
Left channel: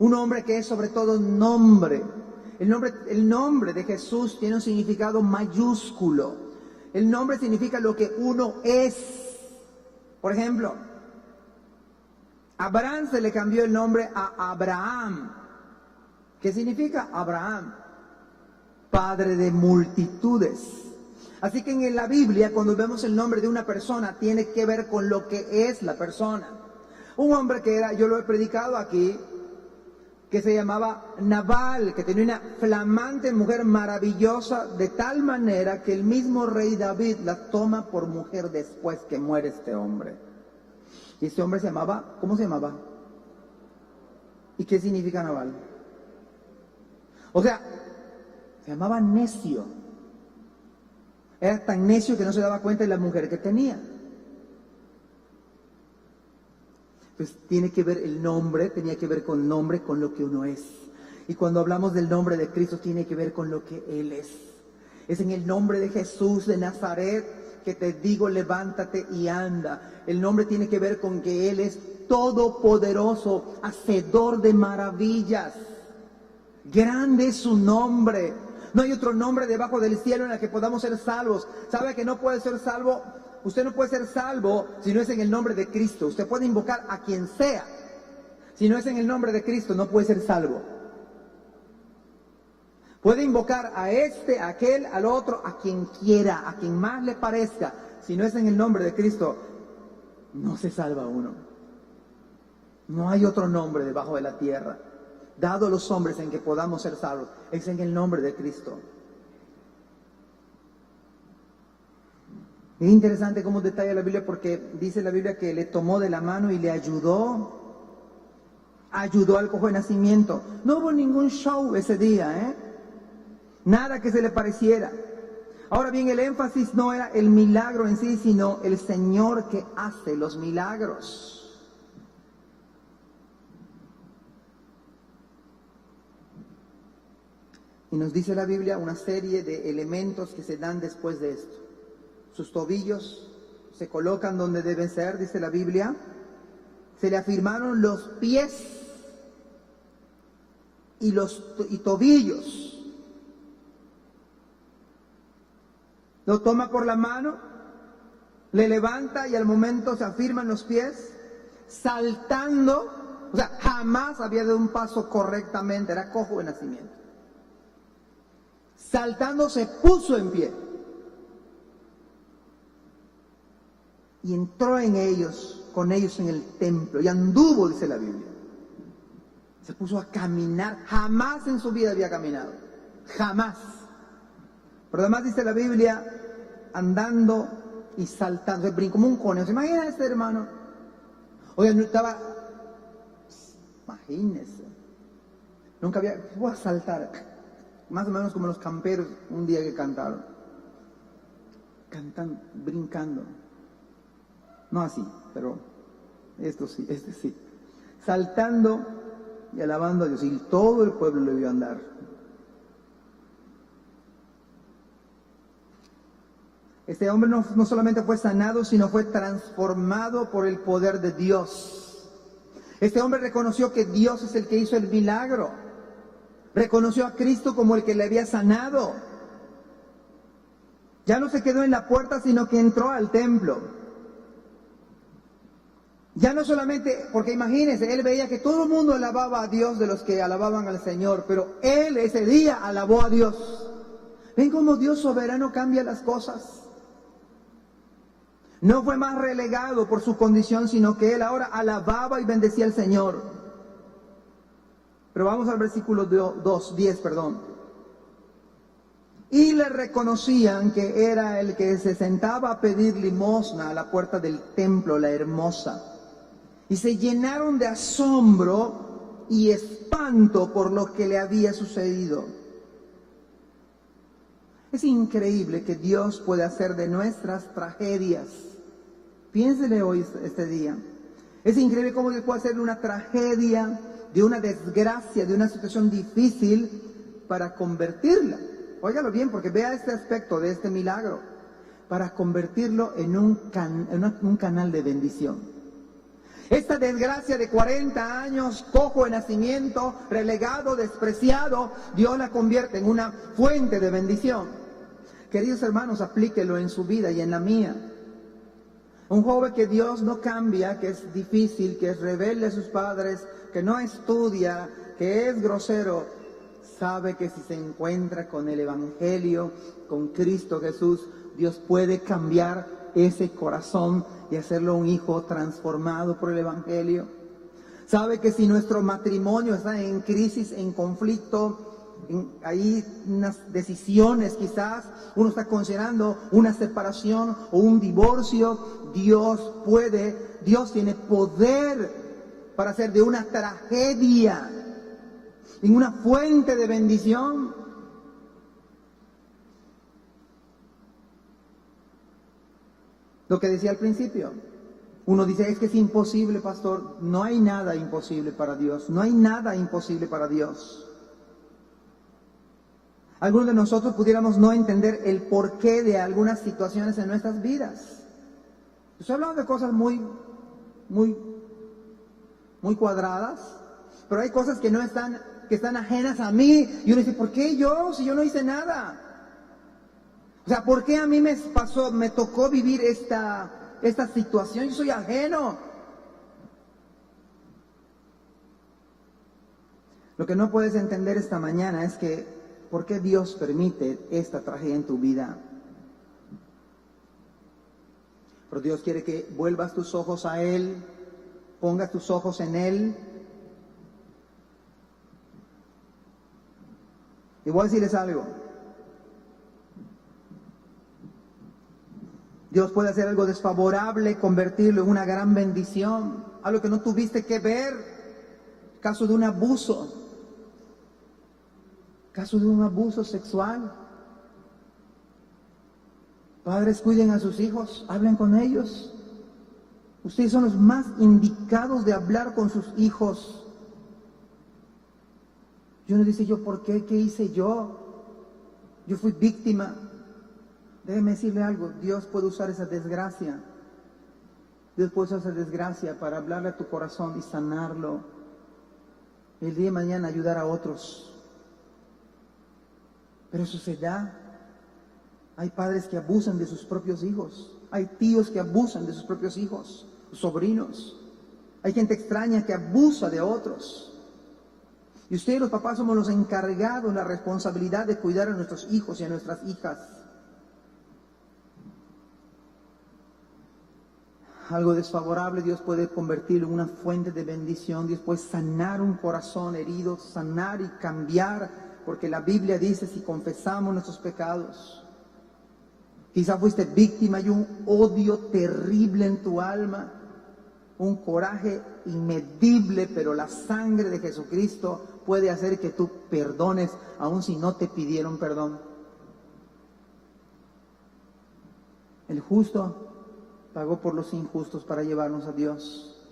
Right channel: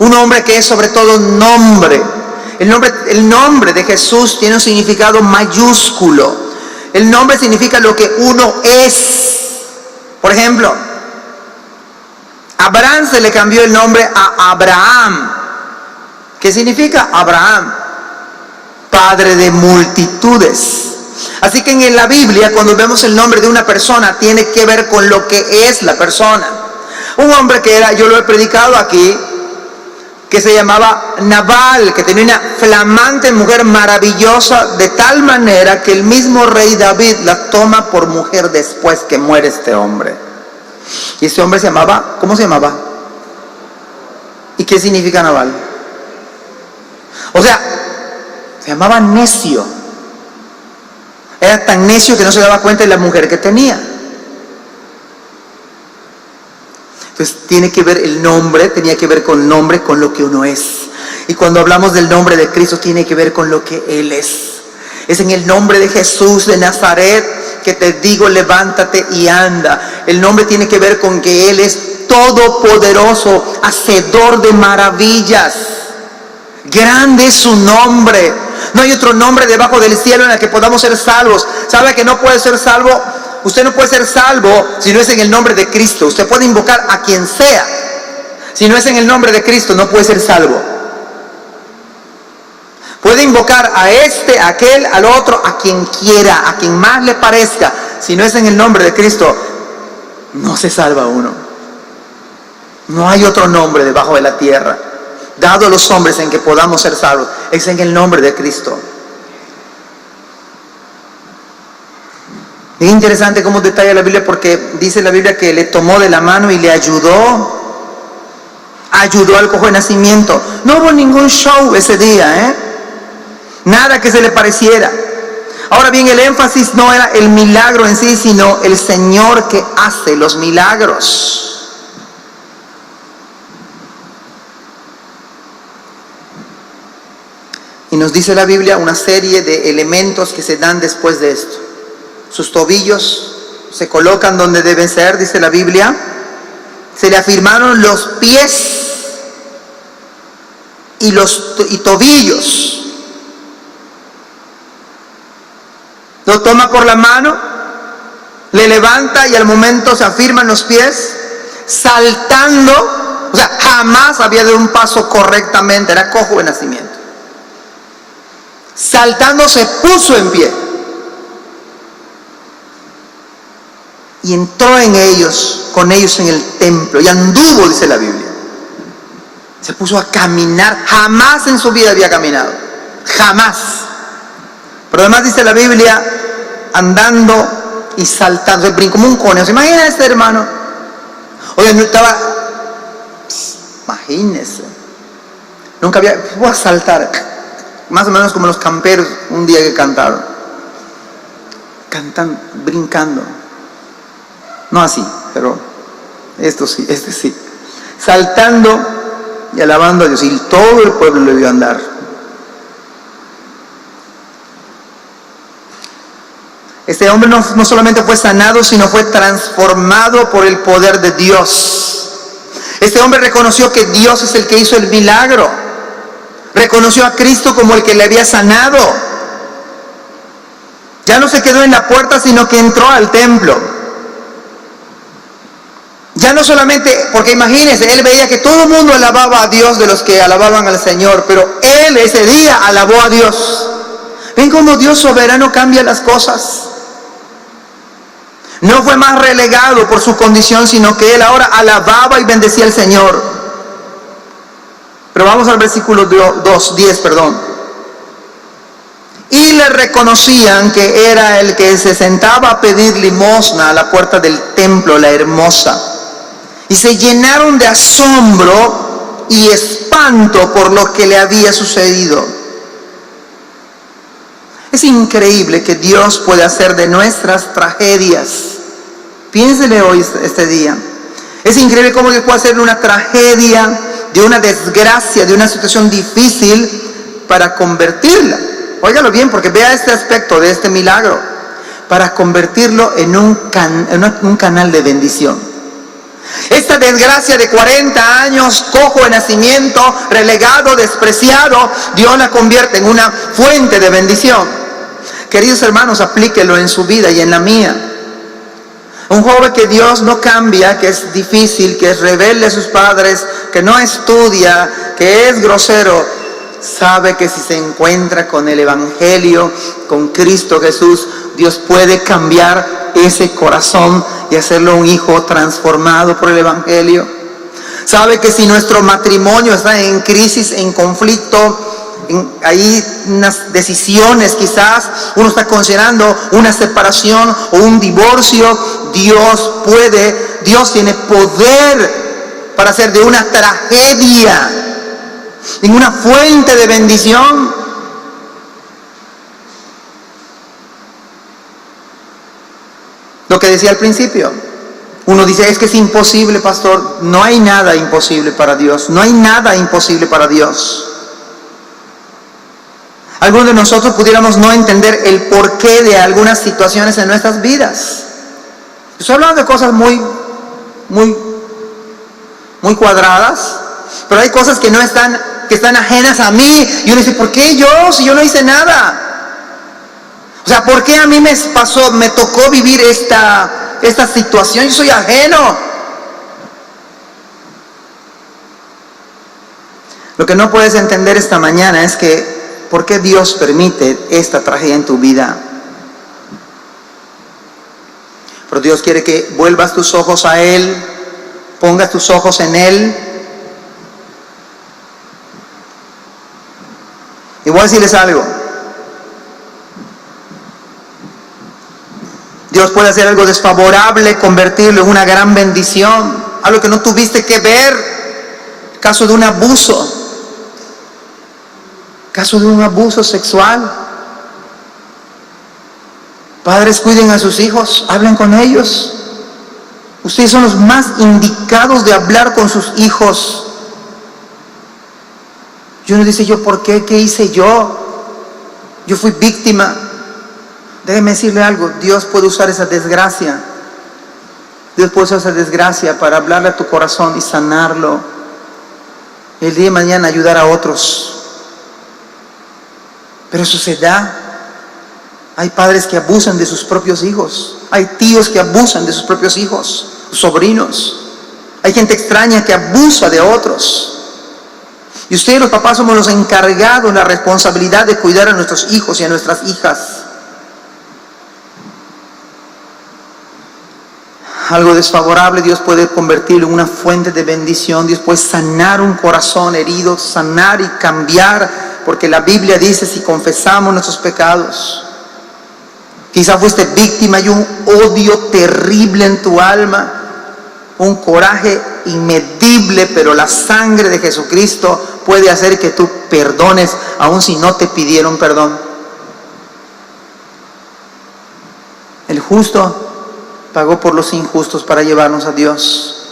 un nombre que es sobre todo nombre, el nombre de Jesús tiene un significado mayúsculo. El nombre significa lo que uno es. Por ejemplo, Abraham se le cambió el nombre a Abraham. ¿Qué significa Abraham? Padre de multitudes. Así que en la Biblia, cuando vemos el nombre de una persona, tiene que ver con lo que es la persona. Un hombre que era, yo lo he predicado aquí, que se llamaba Nabal, que tenía una flamante mujer maravillosa, de tal manera que el mismo rey David la toma por mujer después que muere este hombre. Y este hombre se llamaba, ¿cómo se llamaba? ¿Y qué significa Nabal? O sea, se llamaba necio. Era tan necio que no se daba cuenta de la mujer que tenía. Entonces tiene que ver el nombre, tenía que ver con el nombre, con lo que uno es. Y cuando hablamos del nombre de Cristo, tiene que ver con lo que Él es. Es en el nombre de Jesús de Nazaret que te digo, levántate y anda. El nombre tiene que ver con que Él es todopoderoso, hacedor de maravillas. Grande es su nombre. No hay otro nombre debajo del cielo en el que podamos ser salvos. ¿Sabe que no puede ser salvo? Usted no puede ser salvo si no es en el nombre de Cristo. Usted puede invocar a quien sea. Si no es en el nombre de Cristo, no puede ser salvo. Puede invocar a este, a aquel, al otro, a quien quiera, a quien más le parezca. Si no es en el nombre de Cristo, no se salva uno. No hay otro nombre debajo de la tierra dado a los hombres en que podamos ser salvos. Es en el nombre de Cristo. Es interesante cómo detalla la Biblia, porque dice la Biblia que le tomó de la mano y le ayudó al cojo de nacimiento. No hubo ningún show ese día, nada que se le pareciera. Ahora bien, el énfasis no era el milagro en sí, sino el Señor que hace los milagros. Y nos dice la Biblia una serie de elementos que se dan después de esto. Sus tobillos se colocan donde deben ser, dice la Biblia. Se le afirmaron los pies y tobillos. Lo toma por la mano, le levanta y al momento se afirman los pies, saltando. O sea, jamás había dado un paso correctamente, era cojo de nacimiento. Saltando se puso en pie y entró con ellos en el templo y anduvo, dice la Biblia. Se puso a caminar. Jamás en su vida había caminado, jamás. Pero además dice la Biblia, andando y saltando, se brincó como un conejo. ¿Se imagina este hermano? Oye, no estaba, imagínese, nunca había, voy a saltar. Más o menos como los camperos un día que cantaron. Cantan, brincando. No así, pero este sí. Saltando y alabando a Dios. Y todo el pueblo le vio andar. Este hombre no solamente fue sanado, sino fue transformado por el poder de Dios. Este hombre reconoció que Dios es el que hizo el milagro. Reconoció a Cristo como el que le había sanado. Ya no se quedó en la puerta, sino que entró al templo. Ya no solamente, porque imagínense, él veía que todo el mundo alababa a Dios de los que alababan al Señor, pero él ese día alabó a Dios. ¿Ven cómo Dios soberano cambia las cosas? No fue más relegado por su condición, sino que él ahora alababa y bendecía al Señor. Pero vamos al versículo 10. Y le reconocían que era el que se sentaba a pedir limosna a la puerta del templo, la hermosa. Y se llenaron de asombro y espanto por lo que le había sucedido. Es increíble que Dios puede hacer de nuestras tragedias. Piénsele hoy este día. Es increíble cómo Dios puede hacer una tragedia, de una desgracia, de una situación difícil, para convertirla. Óigalo bien, porque vea este aspecto de este milagro. para convertirlo en un canal de bendición. Esta desgracia de 40 años, cojo de nacimiento, relegado, despreciado, Dios la convierte en una fuente de bendición. Queridos hermanos, aplíquelo en su vida y en la mía. Un joven que Dios no cambia, que es difícil, que es rebelde a sus padres, que no estudia, que es grosero, sabe que si se encuentra con el Evangelio, con Cristo Jesús, Dios puede cambiar ese corazón y hacerlo un hijo transformado por el Evangelio. Sabe que si nuestro matrimonio está en crisis, en conflicto, hay unas decisiones, quizás uno está considerando una separación o un divorcio, Dios tiene poder para hacer de una tragedia en una fuente de bendición. Lo que decía al principio, uno dice, es que es imposible, pastor. No hay nada imposible para Dios, no hay nada imposible para Dios. Algunos de nosotros pudiéramos no entender el porqué de algunas situaciones en nuestras vidas. Estoy hablando de cosas muy cuadradas, pero hay cosas que están ajenas a mí. Y uno dice, ¿por qué yo? Si yo no hice nada. O sea, ¿por qué a mí me tocó vivir esta situación? Yo soy ajeno. Lo que no puedes entender esta mañana es que ¿por qué Dios permite esta tragedia en tu vida? Pero Dios quiere que vuelvas tus ojos a Él, pongas tus ojos en Él. Y voy a decirles algo. Dios puede hacer algo desfavorable, convertirlo en una gran bendición. Algo que no tuviste que ver. Caso de un abuso. Caso de un abuso sexual. Padres, cuiden a sus hijos, hablen con ellos. Ustedes son los más indicados de hablar con sus hijos. Y uno dice, ¿yo por qué? ¿Qué hice yo? Yo fui víctima. Déjeme decirle algo, Dios puede usar esa desgracia. Dios puede usar esa desgracia para hablarle a tu corazón y sanarlo. El día de mañana ayudar a otros. Pero eso se da. Hay padres que abusan de sus propios hijos. Hay tíos que abusan de sus propios hijos, sobrinos. Hay gente extraña que abusa de otros. Y ustedes los papás somos los encargados, la responsabilidad de cuidar a nuestros hijos y a nuestras hijas. Algo desfavorable Dios puede convertirlo en una fuente de bendición. Dios puede sanar un corazón herido, sanar y cambiar. Porque la Biblia dice, si confesamos nuestros pecados, quizá fuiste víctima y un odio terrible en tu alma, un coraje inmedible, pero la sangre de Jesucristo puede hacer que tú perdones, aun si no te pidieron perdón. El justo pagó por los injustos para llevarnos a Dios.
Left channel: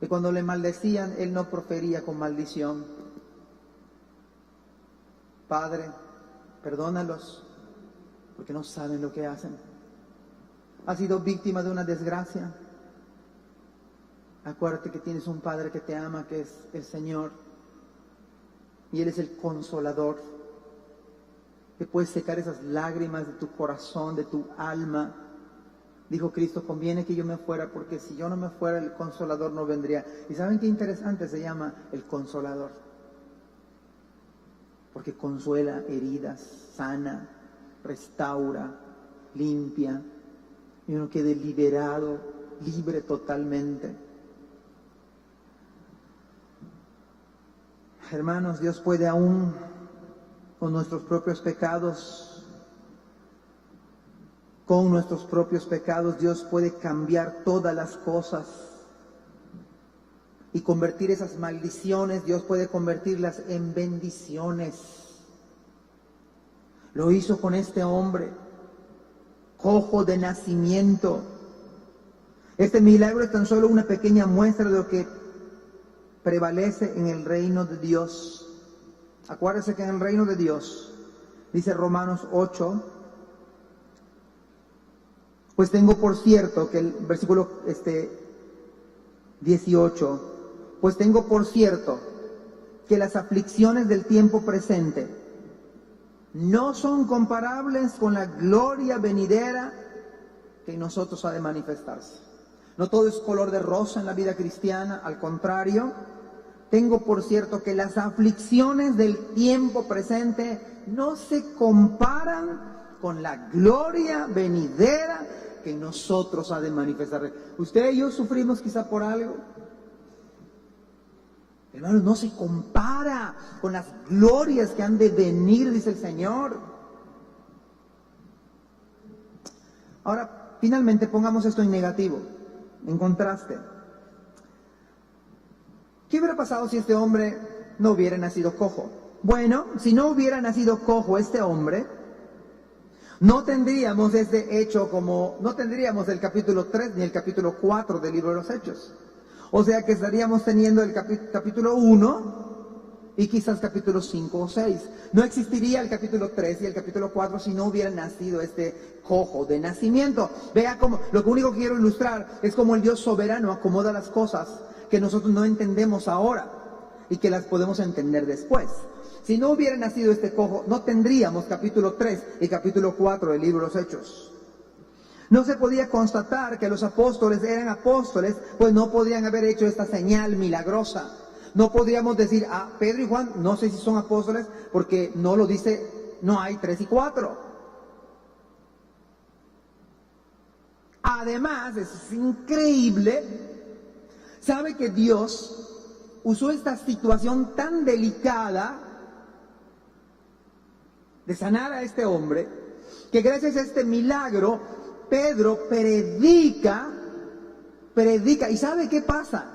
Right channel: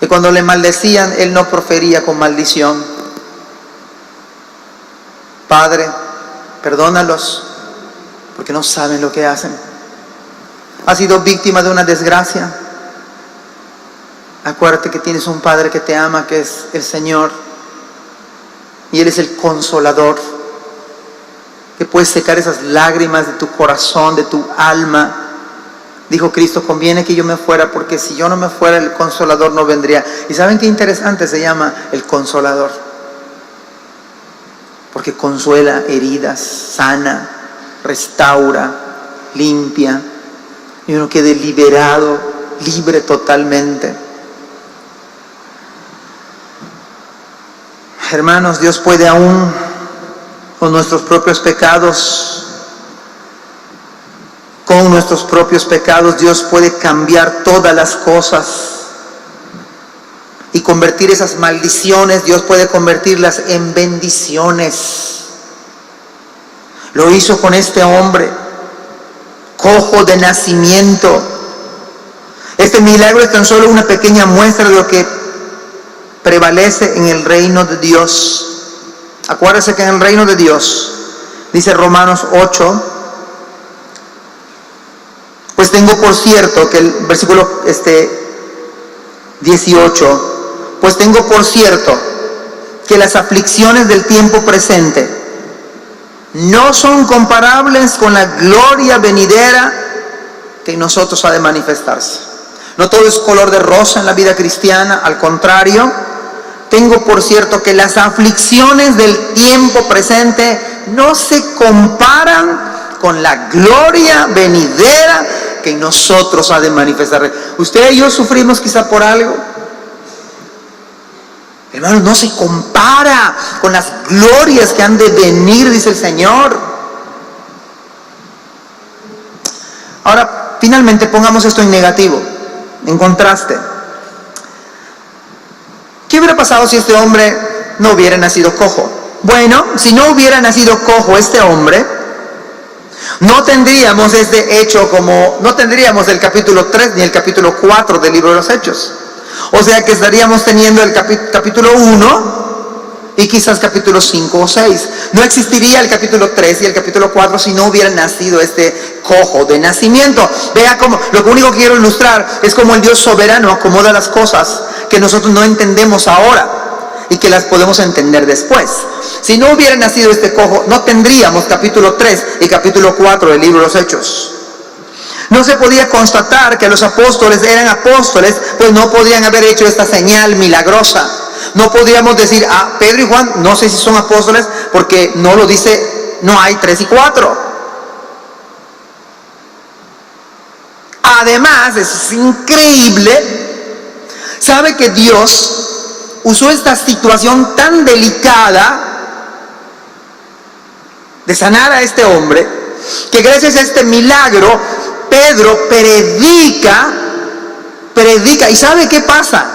Y cuando le maldecían, Él no profería con maldición. Padre, perdónalos, porque no saben lo que hacen. ¿Has sido víctima de una desgracia? Acuérdate que tienes un Padre que te ama, que es el Señor. Y Él es el consolador, que puede secar esas lágrimas de tu corazón, de tu alma. Dijo Cristo, conviene que yo me fuera, porque si yo no me fuera, el consolador no vendría. ¿Y saben qué interesante se llama el consolador? Porque consuela heridas, sana, restaura, limpia, y uno quede liberado, libre totalmente. Hermanos, Dios puede aún con nuestros propios pecados, Dios puede cambiar todas las cosas y convertir esas maldiciones. Dios puede convertirlas en bendiciones. Lo hizo con este hombre, cojo de nacimiento. Este milagro es tan solo una pequeña muestra de lo que prevalece en el reino de Dios. Acuérdese que en el reino de Dios, dice Romanos 8, Pues tengo por cierto que el versículo 18, pues tengo por cierto que las aflicciones del tiempo presente no son comparables con la gloria venidera que en nosotros ha de manifestarse. No todo es color de rosa en la vida cristiana, al contrario, tengo por cierto que las aflicciones del tiempo presente no se comparan con la gloria venidera que en nosotros ha de manifestar. Usted y yo sufrimos quizá por algo. Hermanos, no se compara con las glorias que han de venir, dice el Señor. Ahora, finalmente pongamos esto en negativo, en contraste. ¿Qué hubiera pasado si este hombre no hubiera nacido cojo? Bueno, si no hubiera nacido cojo este hombre, no tendríamos este hecho no tendríamos el capítulo 3 ni el capítulo 4 del libro de los Hechos. O sea que estaríamos teniendo el capítulo 1 y quizás capítulo 5 o 6. No existiría el capítulo 3 y el capítulo 4 si no hubiera nacido este cojo de nacimiento. Vea cómo, lo único que quiero ilustrar es cómo el Dios soberano acomoda las cosas que nosotros no entendemos ahora y que las podemos entender después. Si no hubiera nacido este cojo, no tendríamos capítulo 3 y capítulo 4 del libro de los Hechos. No se podía constatar que los apóstoles eran apóstoles, pues no podían haber hecho esta señal milagrosa. No podríamos decir, Pedro y Juan, no sé si son apóstoles, porque no lo dice, no hay 3 y 4. Además, es increíble, sabe que Dios usó esta situación tan delicada de sanar a este hombre, que gracias a este milagro, Pedro predica, ¿y sabe qué pasa?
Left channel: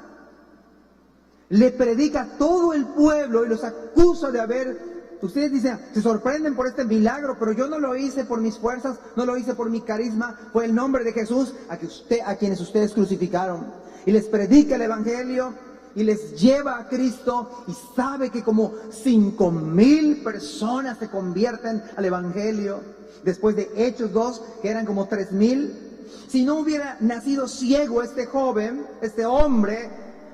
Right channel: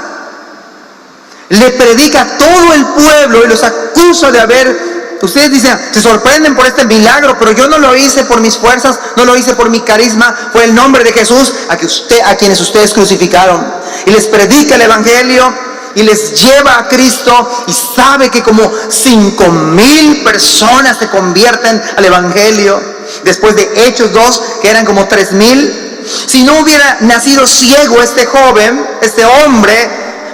Le predica a todo el pueblo y los acusa de ustedes dicen, se sorprenden por este milagro, pero yo no lo hice por mis fuerzas, no lo hice por mi carisma, fue el nombre de Jesús a quienes ustedes crucificaron. Y les predica el evangelio y les lleva a Cristo, y sabe que como 5,000 personas se convierten al evangelio, después de Hechos 2, que eran como 3,000. Si no hubiera nacido ciego este joven, este hombre,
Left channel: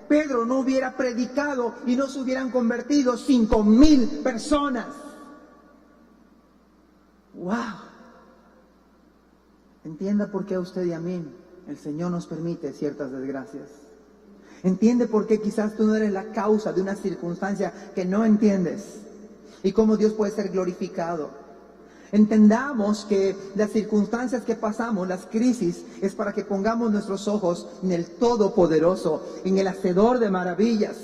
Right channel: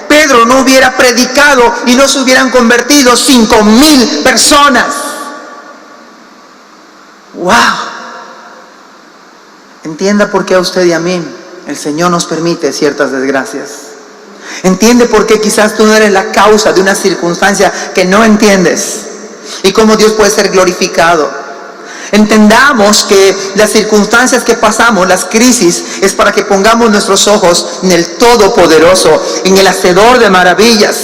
Pedro no hubiera predicado y no se hubieran convertido 5,000 personas. ¡Wow! Entienda por qué a usted y a mí el Señor nos permite ciertas desgracias. Entiende por qué quizás tú no eres la causa de una circunstancia que no entiendes y cómo Dios puede ser glorificado. Entendamos que las circunstancias que pasamos, las crisis, es para que pongamos nuestros ojos en el Todopoderoso, en el Hacedor de maravillas.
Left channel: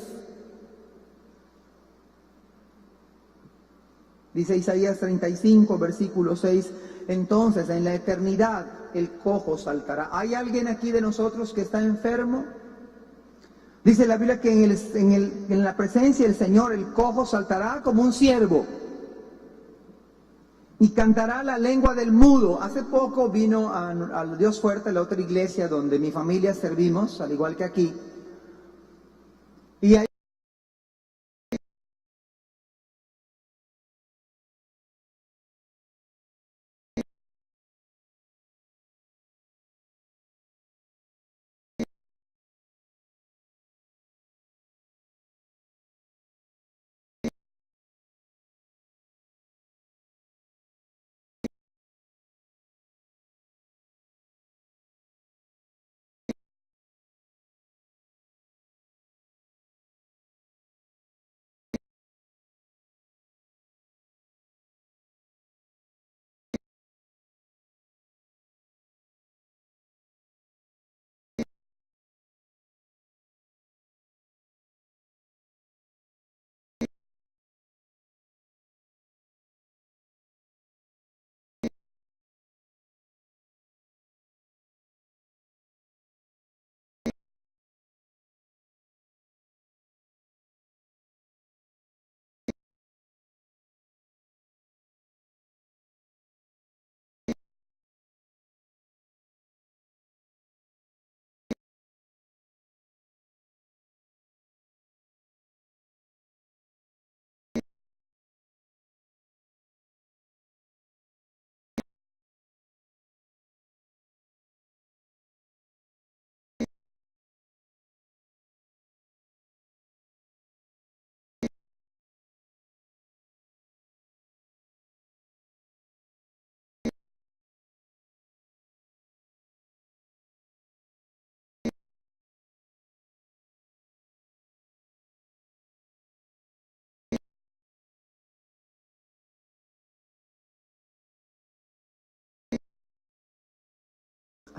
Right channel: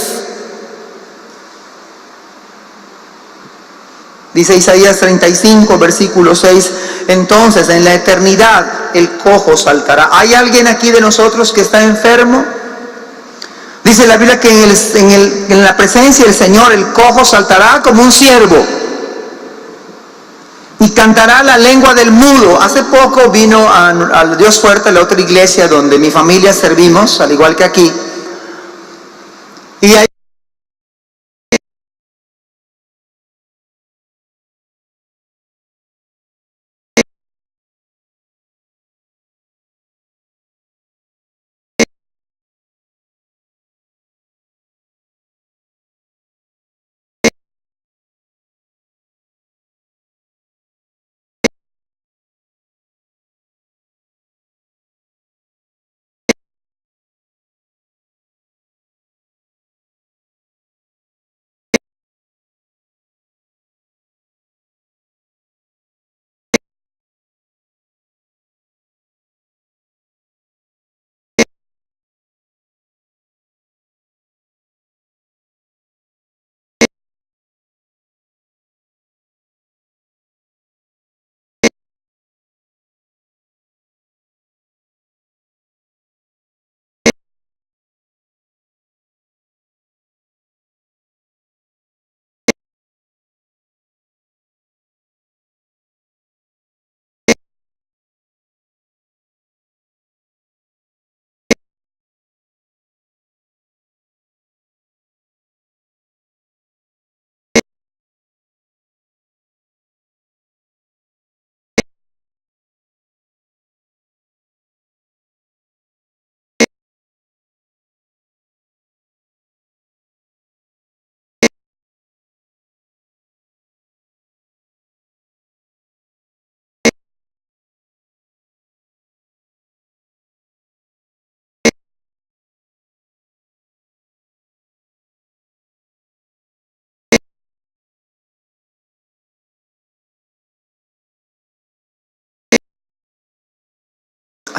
Dice Isaías 35, versículo 6, entonces en la eternidad el cojo saltará. ¿Hay alguien aquí de nosotros que está enfermo? Dice la Biblia que en la presencia del Señor el cojo saltará como un ciervo y cantará la lengua del mudo. Hace poco vino al Dios Fuerte, la otra iglesia donde mi familia servimos, al igual que aquí, y ahí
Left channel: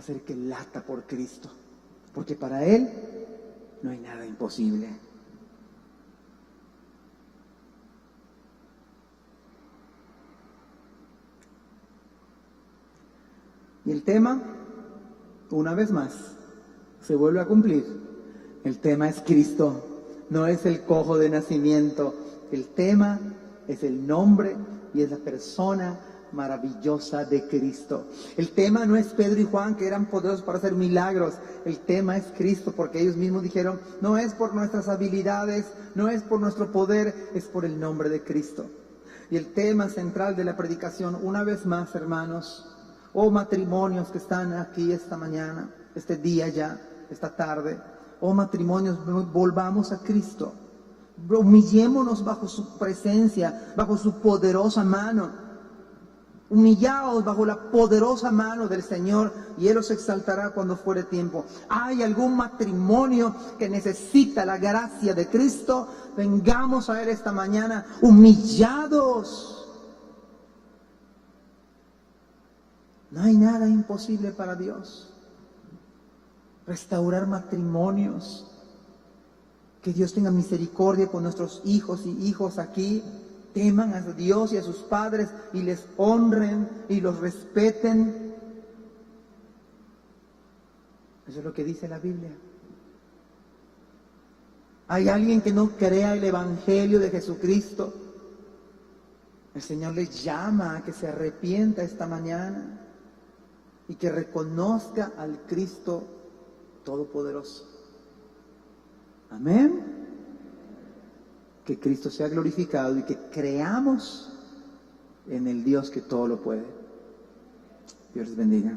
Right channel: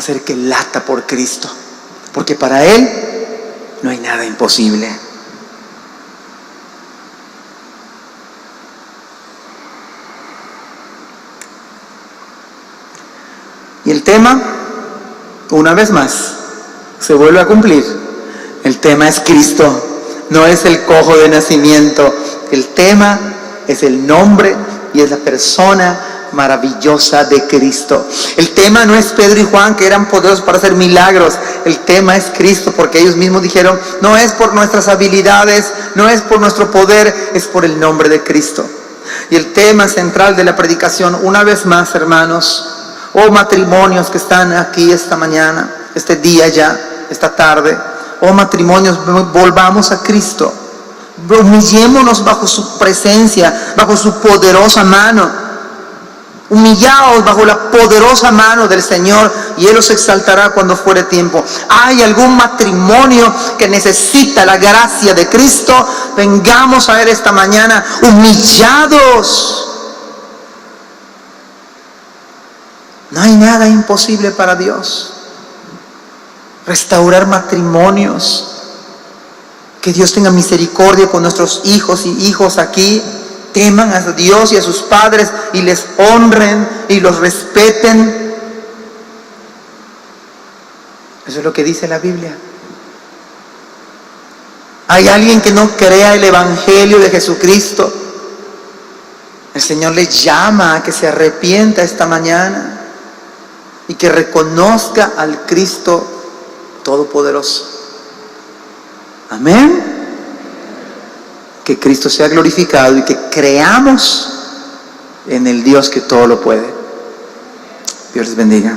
hacer que lata por Cristo, porque para Él no hay nada imposible. Y el tema, una vez más, se vuelve a cumplir. El tema es Cristo, no es el cojo de nacimiento. El tema es el nombre y es la persona maravillosa de Cristo. El tema no es Pedro y Juan, que eran poderosos para hacer milagros. El tema es Cristo, porque ellos mismos dijeron, no es por nuestras habilidades, no es por nuestro poder, es por el nombre de Cristo. Y el tema central de la predicación, una vez más, hermanos, matrimonios que están aquí esta mañana, este día ya, esta tarde, matrimonios, volvamos a Cristo, humillémonos bajo su presencia, bajo su poderosa mano, humillaos bajo la poderosa mano del Señor y Él os exaltará cuando fuere tiempo. ¿Hay algún matrimonio que necesita la gracia de Cristo? Vengamos a Él esta mañana humillados. No hay nada imposible para Dios. Restaurar matrimonios. Que Dios tenga misericordia con nuestros hijos y hijos aquí. Teman a Dios y a sus padres y les honren y los respeten. Eso es lo que dice la Biblia. Hay alguien que no crea el Evangelio de Jesucristo. El Señor le llama a que se arrepienta esta mañana y que reconozca al Cristo Todopoderoso. Amén. Que Cristo sea glorificado y que creamos en el Dios que todo lo puede. Dios les bendiga.